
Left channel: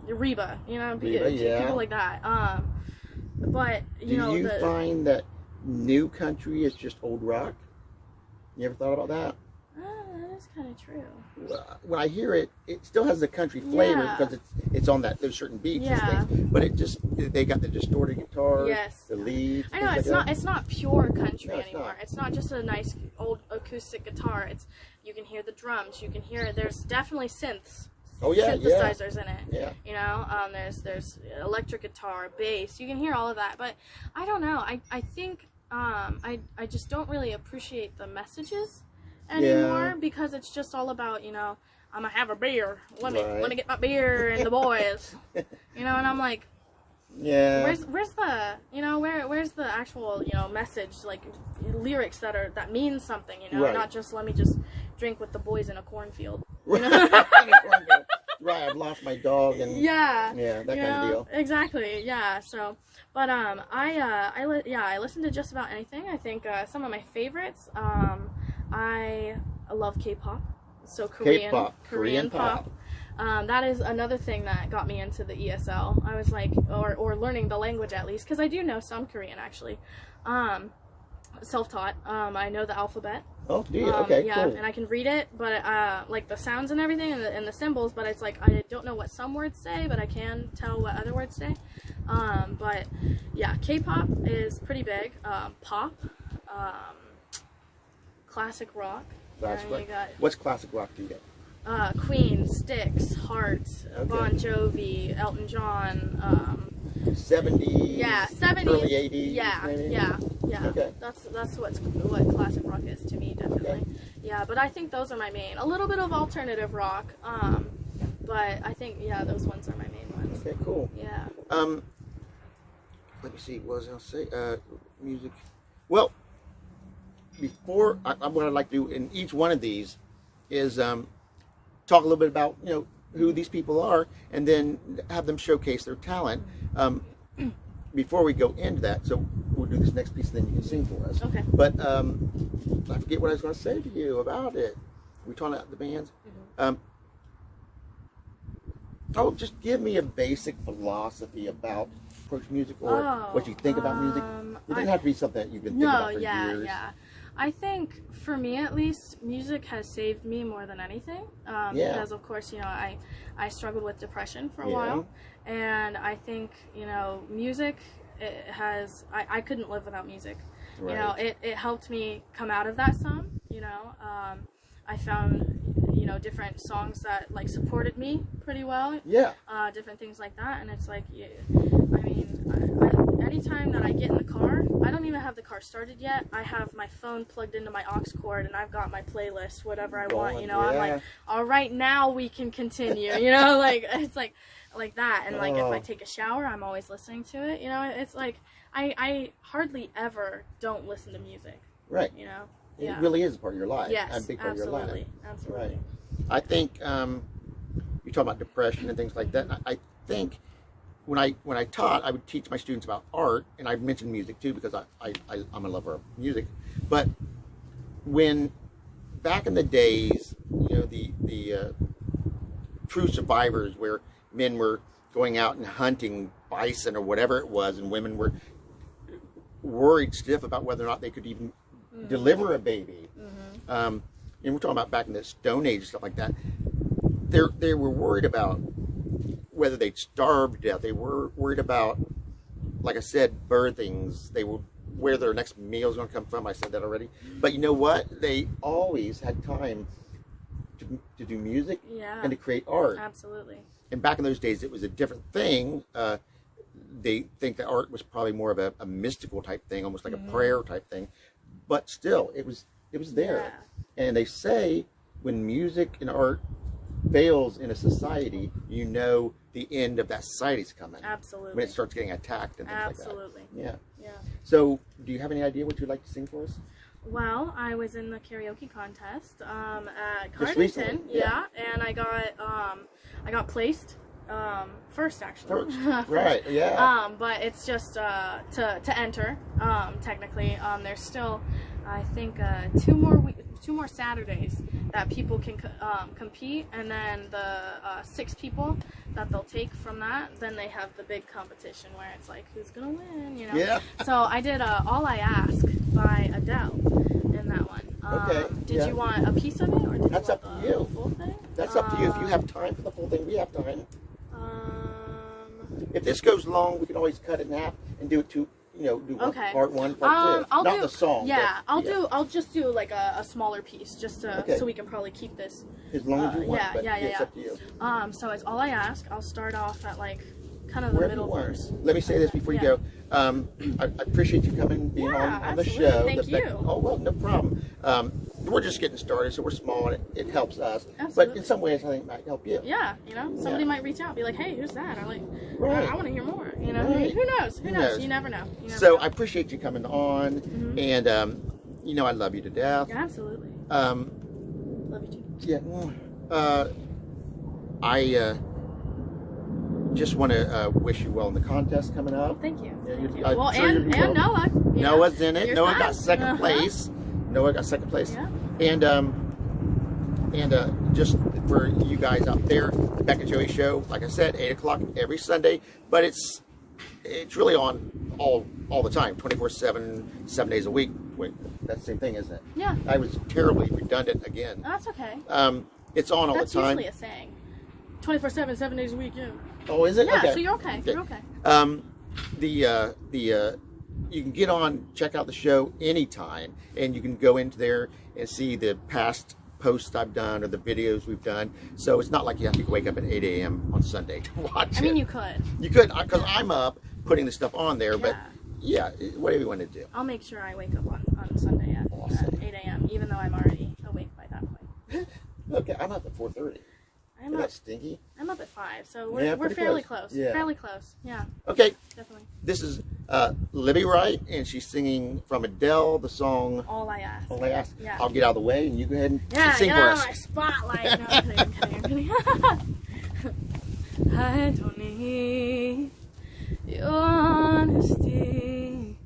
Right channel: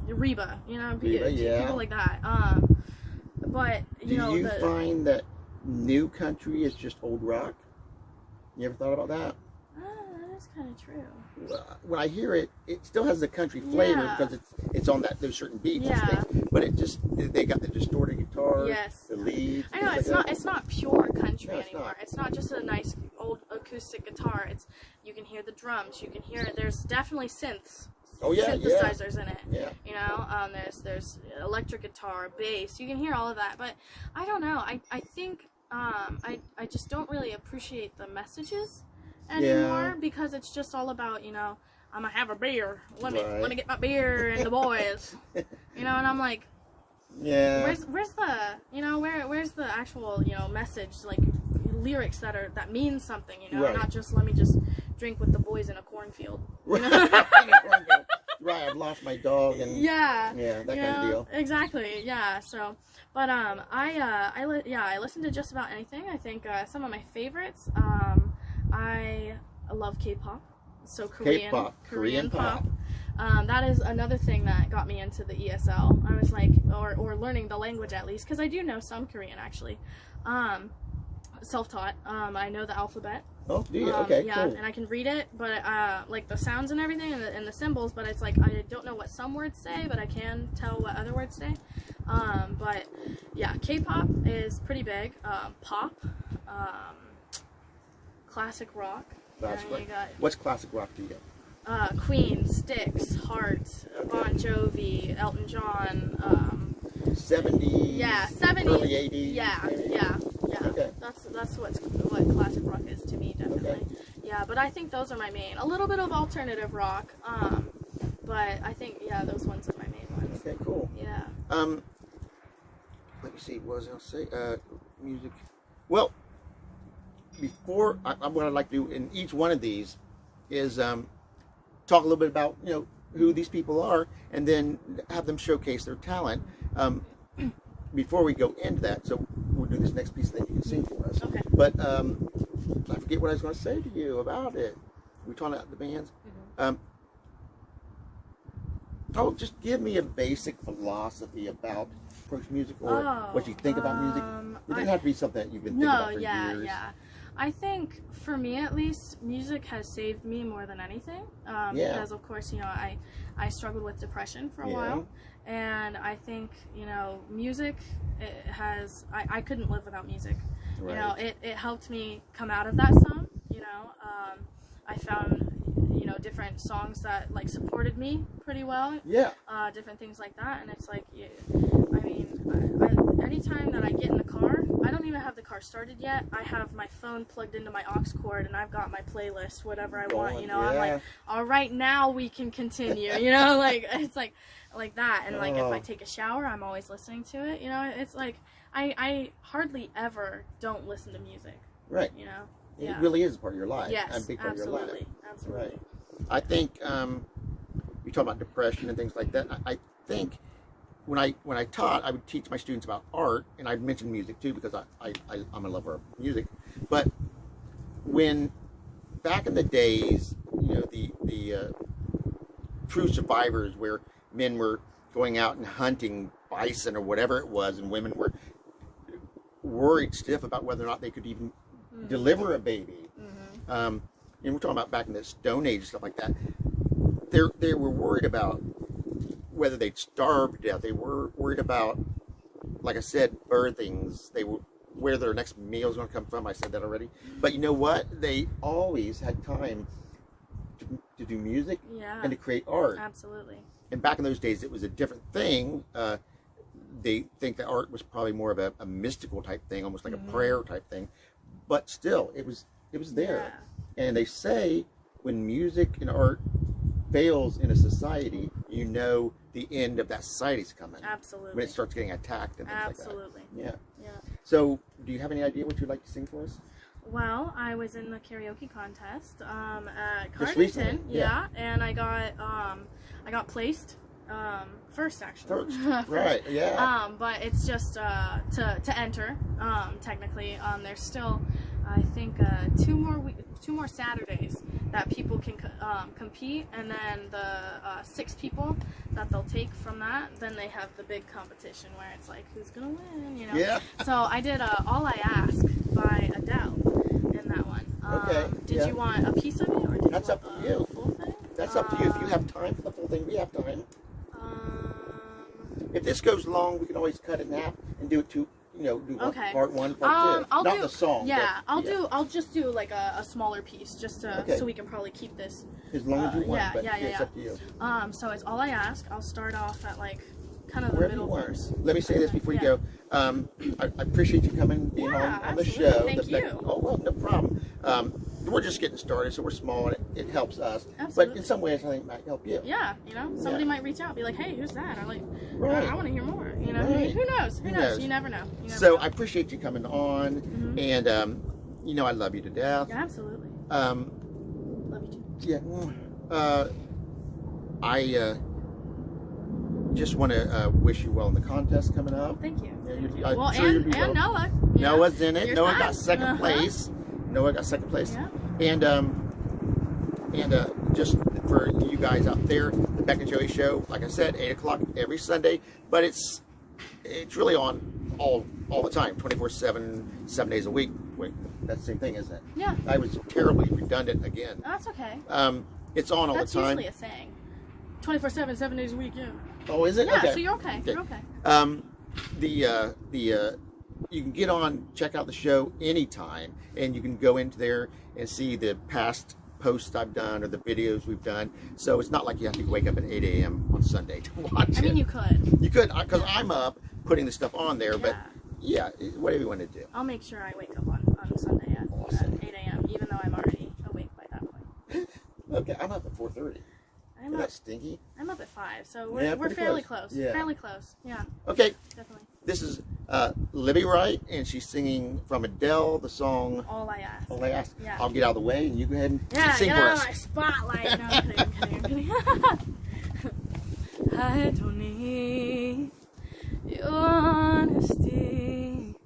Reba, you know, people like that. But, you know, do you find that new country is just old rock? You ever thought about that? That is kind of true. When I hear it, it still has the country flavor because it's on those certain beats and things. But it just, they got the distorted guitars, the leads. I know, it's not pure country anymore. It's not just a nice old acoustic guitar. You can hear the drums. You can hear there's definitely synths. Oh yeah, synthesizers in it. Yeah. You know, there's electric guitar, bass. You can hear all of that. But I don't know. I think I just don't really appreciate the messages anymore because it's just all about, you know, I'm gonna have a beer. Let me get my beer and the boys. You know, and I'm like, where's the, you know, where's the actual, you know, message, like lyrics that mean something, you know, not just let me just drink with the boys in a cornfield. You know? Right, I've lost my dog and that kind of deal. Exactly, yeah. So, but I listen to just about anything. I think some of my favorites. I love K-pop, so Korean pop. That is another thing that got me into the ESL. I was like, or learning the language at least, because I do know some Korean actually. Self-taught. I know the alphabet. Oh, do you? Okay, yeah, cool. And I can read it, but like the sounds and everything, and the symbols. But it's like I don't know what some words say, but I can tell what other words say. But yeah, K-pop is pretty big. Pop. Classic rock. What's classic rock to you? Queen, Styx, Heart, Bon Jovi, Elton John. 70s. Yeah, 70s. Early 80s. Yeah. Okay. That's what classic rock is to me, definitely. Okay. Yeah, but I think those are my main. A little bit of alternative rock. But I think those ones are my main ones. Okay, cool. Yeah. Let me see. What was I going to say? Music. Well. Before, what I'd like to do in each one of these is talk a little bit about, you know, who these people are, and then have them showcase their talent. Before we go into that, so we'll do this next piece, then you can sing for us. Okay. But I forget what I was going to say to you about it. We're talking about the bands. Just give me a basic philosophy about approach music, or what you think about music. It doesn't have to be something that you've been thinking about for years. Yeah. I think, for me at least, music has saved me more than anything. Because, of course, you know, I struggled with depression for a while. And I think, you know, music I couldn't live without music. Right. You know, it helped me come out of that some, you know. I found, you know, different songs that, like, supported me pretty well. Yeah. Different things like that. And it's like, I mean, anytime that I get in the car, I don't even have the car started yet. I have my phone plugged into my aux cord, and I've got my playlist, whatever I want, you know. I'm like, all right, now we can continue, you know, like, it's like that. And like, if I take a shower, I'm always listening to it, you know. It's like, I hardly ever don't listen to music. Right. You know. It really is a part of your life. Yes, a big part of your life. Absolutely. Right. I think you talk about depression and things like that. I think when I taught, I would teach my students about art, and I'd mention music too, because I'm a lover of music. But when back in the days, you know, the true survivors, where men were going out and hunting bison or whatever it was, and women were worried stiff about whether or not they could even deliver a baby. And we're talking about back in the Stone Age and stuff like that. They were worried about whether they'd starve to death. They were worried about, like I said, birthings. They were where their next meal is going to come from. I said that already. But you know what? They always had time to do music and to create art. Absolutely. And back in those days, it was a different thing. They think that art was probably more of a mystical type thing, almost like a prayer type thing. But still, it was there. And they say when music and art fails in a society, you know the end of that society's coming. Absolutely. When it starts getting attacked and things like that. Absolutely. Yeah. Yeah. So, do you have any idea what you'd like to sing for us? Well, I was in the karaoke contest at Just Cardington, recently? and I got placed first, actually. First. Right, yeah. But it's just to enter. Technically, there's still, I think, two more Saturdays that people can compete, and then the 6 people that they'll take from that, then they have the big competition where it's like, who's gonna win, you know? Yeah. So I did All I Ask by Adele in that one. Okay. Did you want a piece of it, or did That's you up want to the you. full thing? That's up to you. If you have time for the full thing, we have time. Um, If this goes long, we can always cut it in half and do it do Okay. part 1, part 2. Not the song. Yeah, but, I'll just do like a smaller piece, just to, so we can probably keep this. As long as you want, yeah, but yeah, it's yeah. up to you. So it's All I Ask. I'll start off at like kind of the Wherever you middle want. verse. Let me say this before you go. I appreciate you coming, being on the show. Thank you. Oh, well, no problem. We're just getting started, so we're small, and it helps us. Absolutely. But in some ways, I think it might help you. Yeah, somebody might reach out, be like, "Hey, who's that?" I'm like, Right. I want to hear more. Right. Who knows? Who knows? You never know. I appreciate you coming on, and I love you to death. Yeah, absolutely. Love you too. Yeah. I just want to wish you well in the contest coming up. Thank you. Yeah, Thank you. I'm Well, sure and well. Noah. Noah's in it. Your Noah son. got second place. Noah got second place. Yeah. And just for you guys out there, the Beck and Joey Show, like I said, 8 o'clock every Sunday, but it's really on all the time, 24/7, 7 days a week. Wait, that's the same thing, isn't it? Yeah. I was terribly redundant again. That's okay. It's on all That's the time. usually a saying. 24/7, 7 days a week. Yeah. Oh, is it? Yeah. Okay. So you're okay. You're okay. You can get on, check out the show anytime, and you can go into there and see the past posts I've done or the videos we've done. So it's not like you have to wake up at 8 a.m. on Sunday to watch it. I mean, you could. You could, because I'm up putting the stuff on there, but yeah, whatever you want to do. I'll make sure I wake up on Sunday at 8 a.m., even though I'm already awake by that point. Okay, I'm up at 4:30. Isn't that stinky? I'm up at 5, so we're fairly close. Yeah. Fairly close, yeah. Okay. Definitely. This is Libby Wright, and she's singing from Adele, the song All I Ask. All I Ask. Yeah. I'll get out of the way, and you go ahead and sing get for out us. of my spotlight. No, I'm kidding. I don't need your honesty.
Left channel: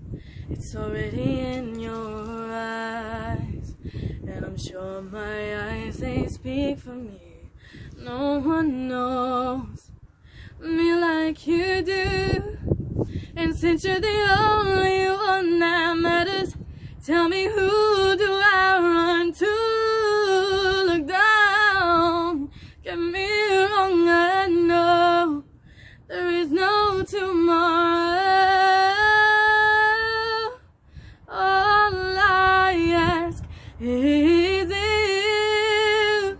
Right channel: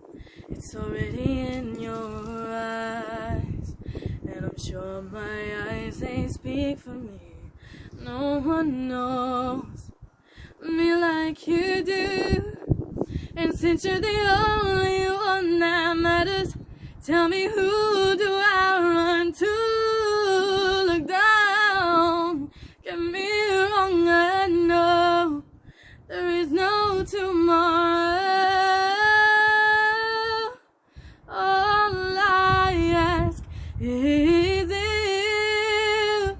It's already in your eyes, and I'm sure my eyes, they speak for me. No one knows me like you do, and since you're the only one that matters, tell me, who do I run to? Look down, get me wrong, I know there is no tomorrow. All I ask is you.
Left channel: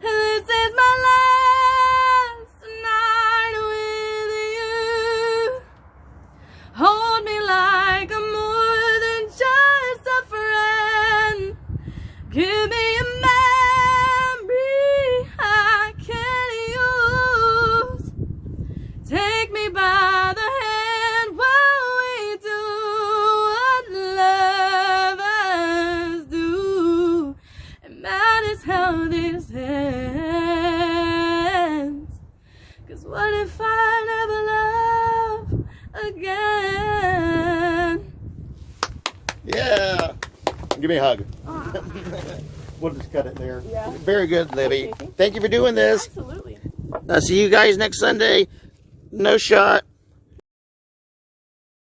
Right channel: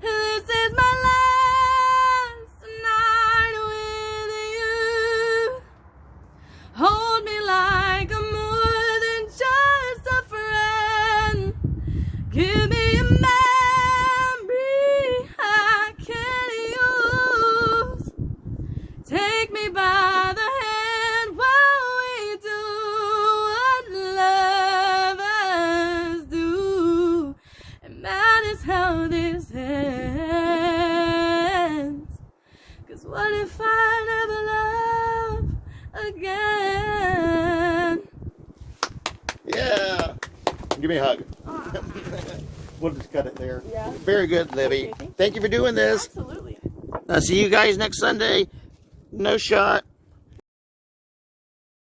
This is my last night with you. Hold me like I'm more than just a friend. Give me a memory I can use. Take me by the hand while we do what lovers do. It matters how this ends. 'Cause what if I never love again? Yeah. Give me a hug. We'll just cut it there. Yeah. Very good, Libby. Thank you for doing this. Absolutely. See you guys next Sunday. No shot.